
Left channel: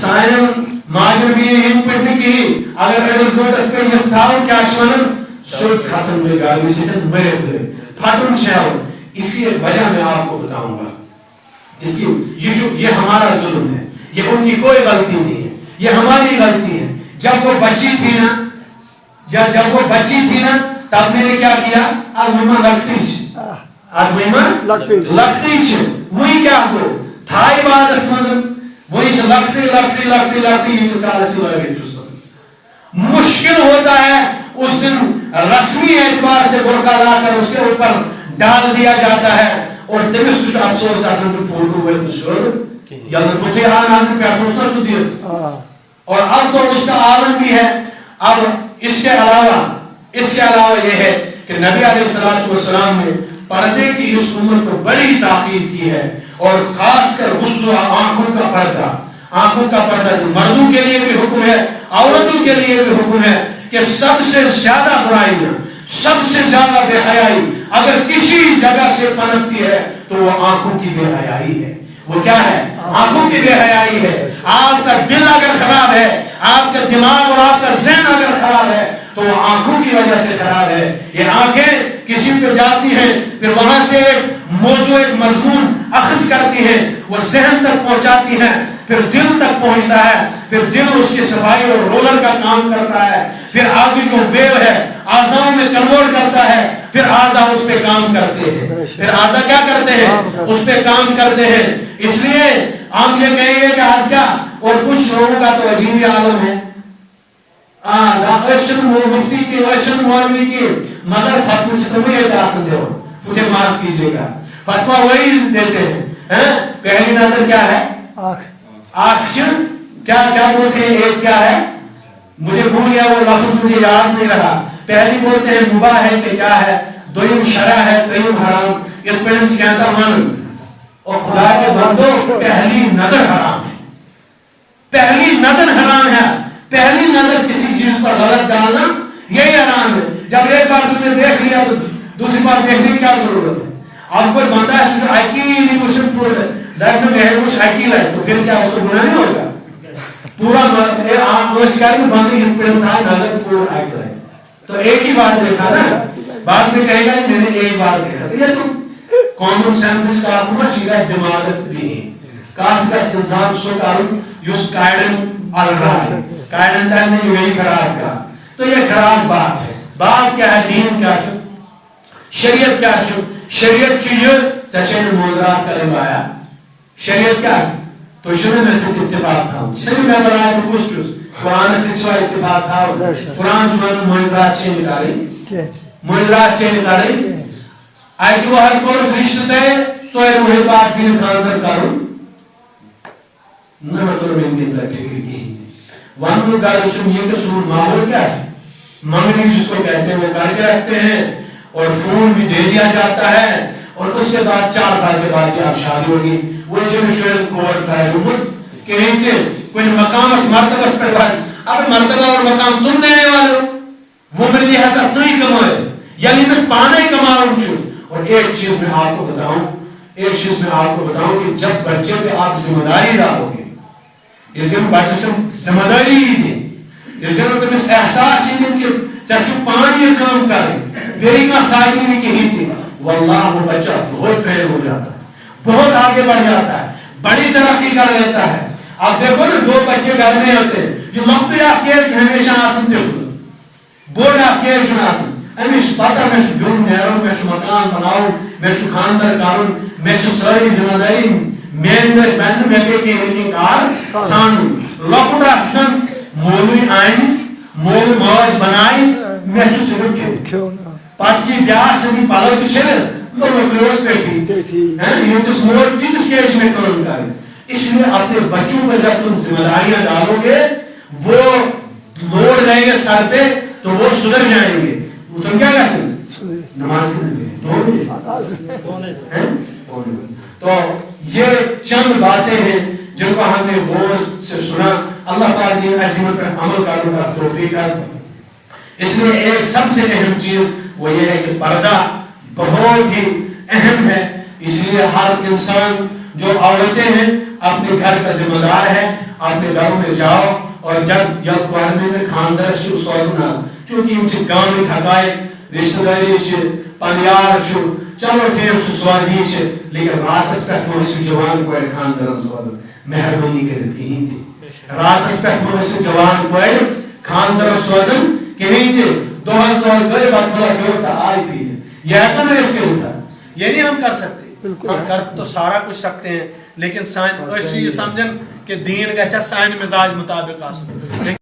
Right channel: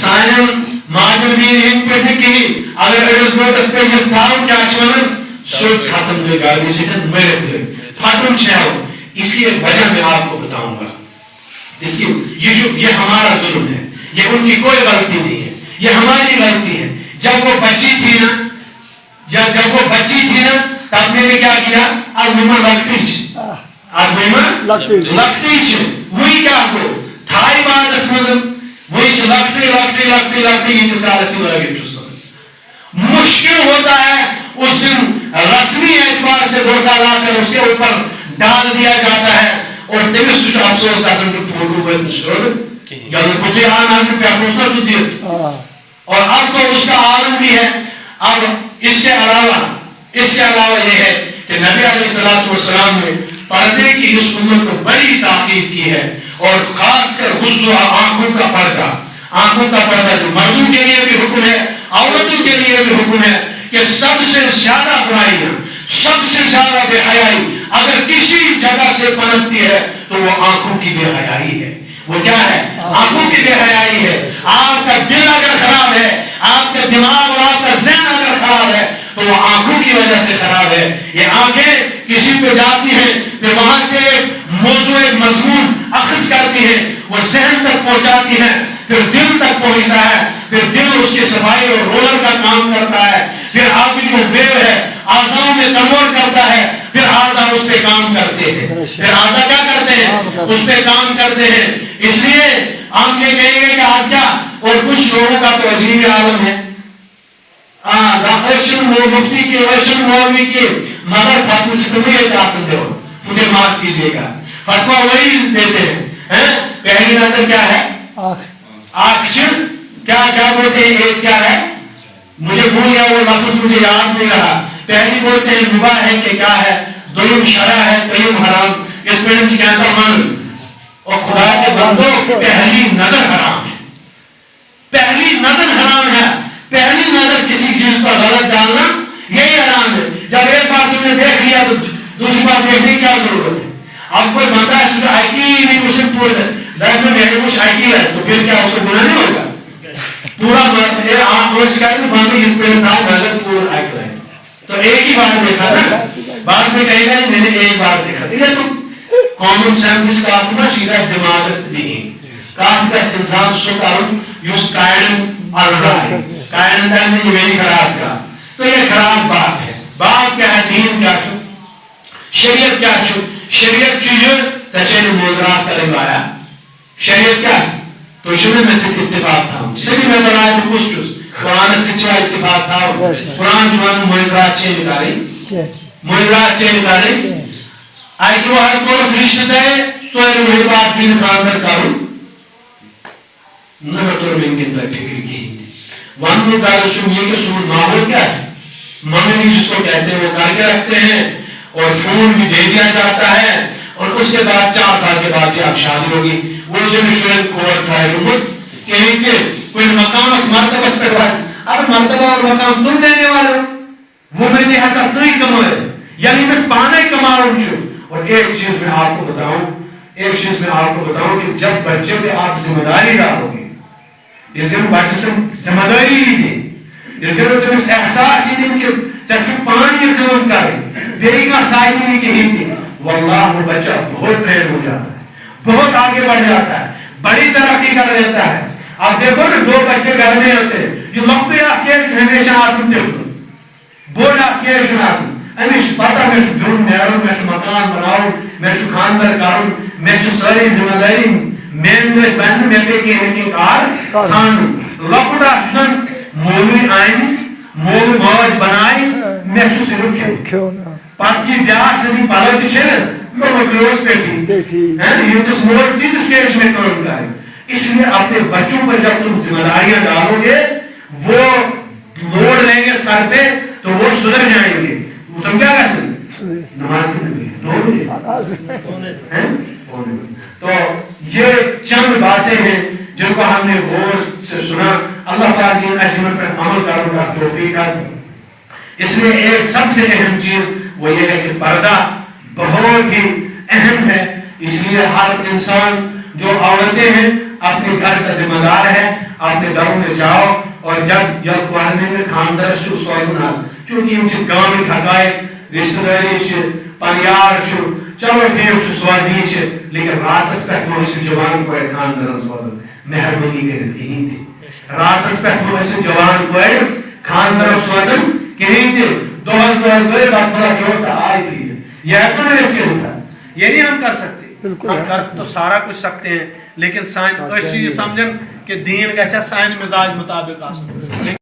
سائن ماجر بھی ہند پہ کی اگر ایڈوس گوٹس پہ یہ تھاؤں کیا چھوڑن سوٹ ختم دے گا بھی سیدھن میرے گئے ختم چھاؤ. اس کی ایک وجہ میں آپ کو بتاؤں گا. اس کی یہ ہمارا ظلم ہے، یہ ان کی کوئی غلطی نہیں ہے، یہ ہماری غلطی ہے. جب وہ بچی تھی نا تب میں نے کیا کیا اب لگتی وہی کیا کو تھائی بات اس مزم وہی لگتی مشکل ہوتا ہے. اس دن رسمی اعتبار سے برقع لا کر اس کے اوپر ڈال دیا جاتا ہے اور تمس کچھ افسوس کا سن فوٹو کو چھوڑ یا مجھے آن پہ پوچھنا سنتی اور اب تو اس کا عالم بھی ہے. اب اس کے علاوہ یہ ہے کہ نبی علیہ الصلوۃ والسلام نے پردے کی اس امت کو بڑی تاکید کی ہے اور خاص کر غضوا آنکھوں کا پردہ جو مردوں کے لیے بھی حکم ہے عورتوں کے لیے بھی حکم ہے کہ سب سے زیادہ برائیاں سب سے زیادہ بے حیائی اگر کسی جگہ سے پنپتی ہے تو وہ آنکھوں کی بے حیائی ہے. وہ کیا ہے؟ آنکھوں کی بے حیائی ہے. آپ کا دل اگر خراب ہے، آپ کا دماغ اور آپ کا ذہن اگر خراب ہے تو وہ آنکھوں کی وجہ سے خراب ہے. یہ آنکھیں کسی پہ جاتی ہیں پھر وہاں سے موضوع مضمون اخذ کرتی ہیں، وہ ذہن تک پہنچاتی ہیں، پھر دل تک پہنچتا ہے، پھر دل اس کی صفائی اور رولر کا کام کرتا ہے، پھر آپ کی جو ویو ہے اعضاء میں کنورٹ کرتا ہے، پھر اعضاء اس پہ کام کرتے ہیں، پھر اعضاء کیا کرتے ہیں؟ اس پہ کام کرتے ہیں۔ اس لیے ہم یہ کہیں گے کہ آپ کیا، اور کچھ لوگوں کا تو عجیب عالم ہے، مفتی کی اشن مولوی کی مگر فتوی سے تمہیں اعتراض دو، مجھے معاف کیجیے گا، فتوا وہی دیتے ہیں۔ پہلی نظر کیا ہے؟ آنکھ کیا کیا بولتے ہیں؟ ایک کیا ہے؟ مجھے بھول گیا وہ لفظ، مجھے یاد نہیں رہا۔ پہلی بولتے ہیں مباح ہے کہ کیا ہے، دویم شرع ہے، تیم حرام۔ اس پہ کہتا من اور خدا کے بندوں، پہلی نظر حرام ہے، پہلی نظر حرام ہے۔ پہلی نظر کسی چیز پر غلط ڈالنا یہی حرام ہے۔ جب ایک بار تم نے دیکھ لیا تو دوسری بار دیکھنے کی کیا ضرورت ہے؟ اب کوئی بندہ ہے آئی کی نہیں پوچھ میرے کچھ آئی ہے تو پھر کیا اس کو گناہ نہیں ہوگا؟ پورا تو ایک ہی بار دیکھا نا، بعد میں کہے گا میں نے ایک بار دیکھا۔ یہ تو کامن سینس کا سیدھا دماغ نہیں کافی کا انسان سو کروں یوز قائم قائم میں یہ میری خراب کا، تو یہ خراب بات ہے۔ بات کیا ہے؟ دین کیا چھو، شریعت کیا چھو؟ شریعت چیئے چچے نے موضرات کرے بایا شریعت کیا تو شروع میں سے اتفاق تھا، صحیح میں بنائے تو کچھ چوز قرآن سے چھوڑا اتفاق تھا، قرآن چوان موضرات چیئے نکارے، موضرات چیئے نکارے آئی کہ وہ ہر کون فرشت دے سوئے وہی بات چیئے خاندر کروں نمتر میں انگن در فکر کی وانو دارشم یہ کہ سون ماحول کیا ہے، ممنی جس کو کہتے ہیں وہ کر کے رکھتے ہیں اور فون بھی دے دیا جاتا ہے، اور اس کے بعد 4 سال کے بعد آپ شادی ہوگی۔ وہ جو مشورت کھوڑ ٹھائے گمت کہیں کہ کوئی مقام اس مرتبہ اس پر بات، اب مرتبہ اور مقام تم دینے والے ہو، وہ میری حسد صحیح کمائے یعنی میں پانے کماؤں چھو۔ اور ایک چیز میں آپ کو بتاؤں کہ جب بچے پہ آپ ذمہ داری ڈالو گے، اس کے بچے سے ذمہ داری ہی دیں، اس کے تم اس احساس ہی دیں کہ چچو پانی یہ کام کرے دیری کا سائی نہیں کہ ہی تھی، واللہ وہ بچہ بہت ٹرین ہو جاتا ہے، بہت آگے بڑھ جاتا ہے، بڑی ترقی کر لیتا ہے۔ اب دیکھو نا 2 بچے گھر میں ہوتے کہ لوگ آپ کے ہمیشہ آسن دیکھو بورڈ آپ کے آسن امیش پتا میں جون نیروں، میں مکان بناؤں، میں خاندر کروں، میں ساری ذمہ داری مین دس بہن میں پہ کی کار ثانوں لوکٹ آسن مولوی آئین مول موج بنائی میں صرف کھیو پات کی بیاس سے پالو چھے تو کلوز پہ تھی یہ تس موج تھی تس کیش میں کام کریں۔ اس لیے اپنے بچوں پر جب تم ذمہ داریاں ڈالو گے وہ لوڈ لیں گے سر پہ تو وہ سدھر جائیں گے۔ تم کیا کہتے ہیں؟ نماز تو یہ چند باتیں ہیں جن کو ہم نے غور سے سنا۔ اللہ پاک دین عظیم پر عمل کرنے کا توفیق عطا۔ اس لیے ایک سب سے اہم چیز وہ یہ ہے کہ پردہ بہت ہی اہم ہے۔ اس لیے ہر انسان جو عورتیں ہیں اپنے گھر کا ذمہ دار ہے، اپنے گھروں میں جاؤ اور جب پڑھنے میں خاندر سے سوزناس چونکہ ان سے گاؤں میں حقائق رشتہ داری سے پنیار چھو چلو ٹھیک چھو سوازی چھے لیکن رات اس پہ اس جوان کو ایک خاندر سوزن مہربانی کریں کہیں تھے رات اس پہ اس جوان کو ایک خاندر سوزن کہیں تھے دوہز گئے بات بلا کیوں تا آئی بھی یہ تو نہیں اس کے ہوتا یہ نہیں ہم کر سکتے، ہم کر تو سارا کچھ سکتے ہیں لیکن سائن اس چیز سمجھن کہ دین گھسا سائن مزاج مطابق آسن۔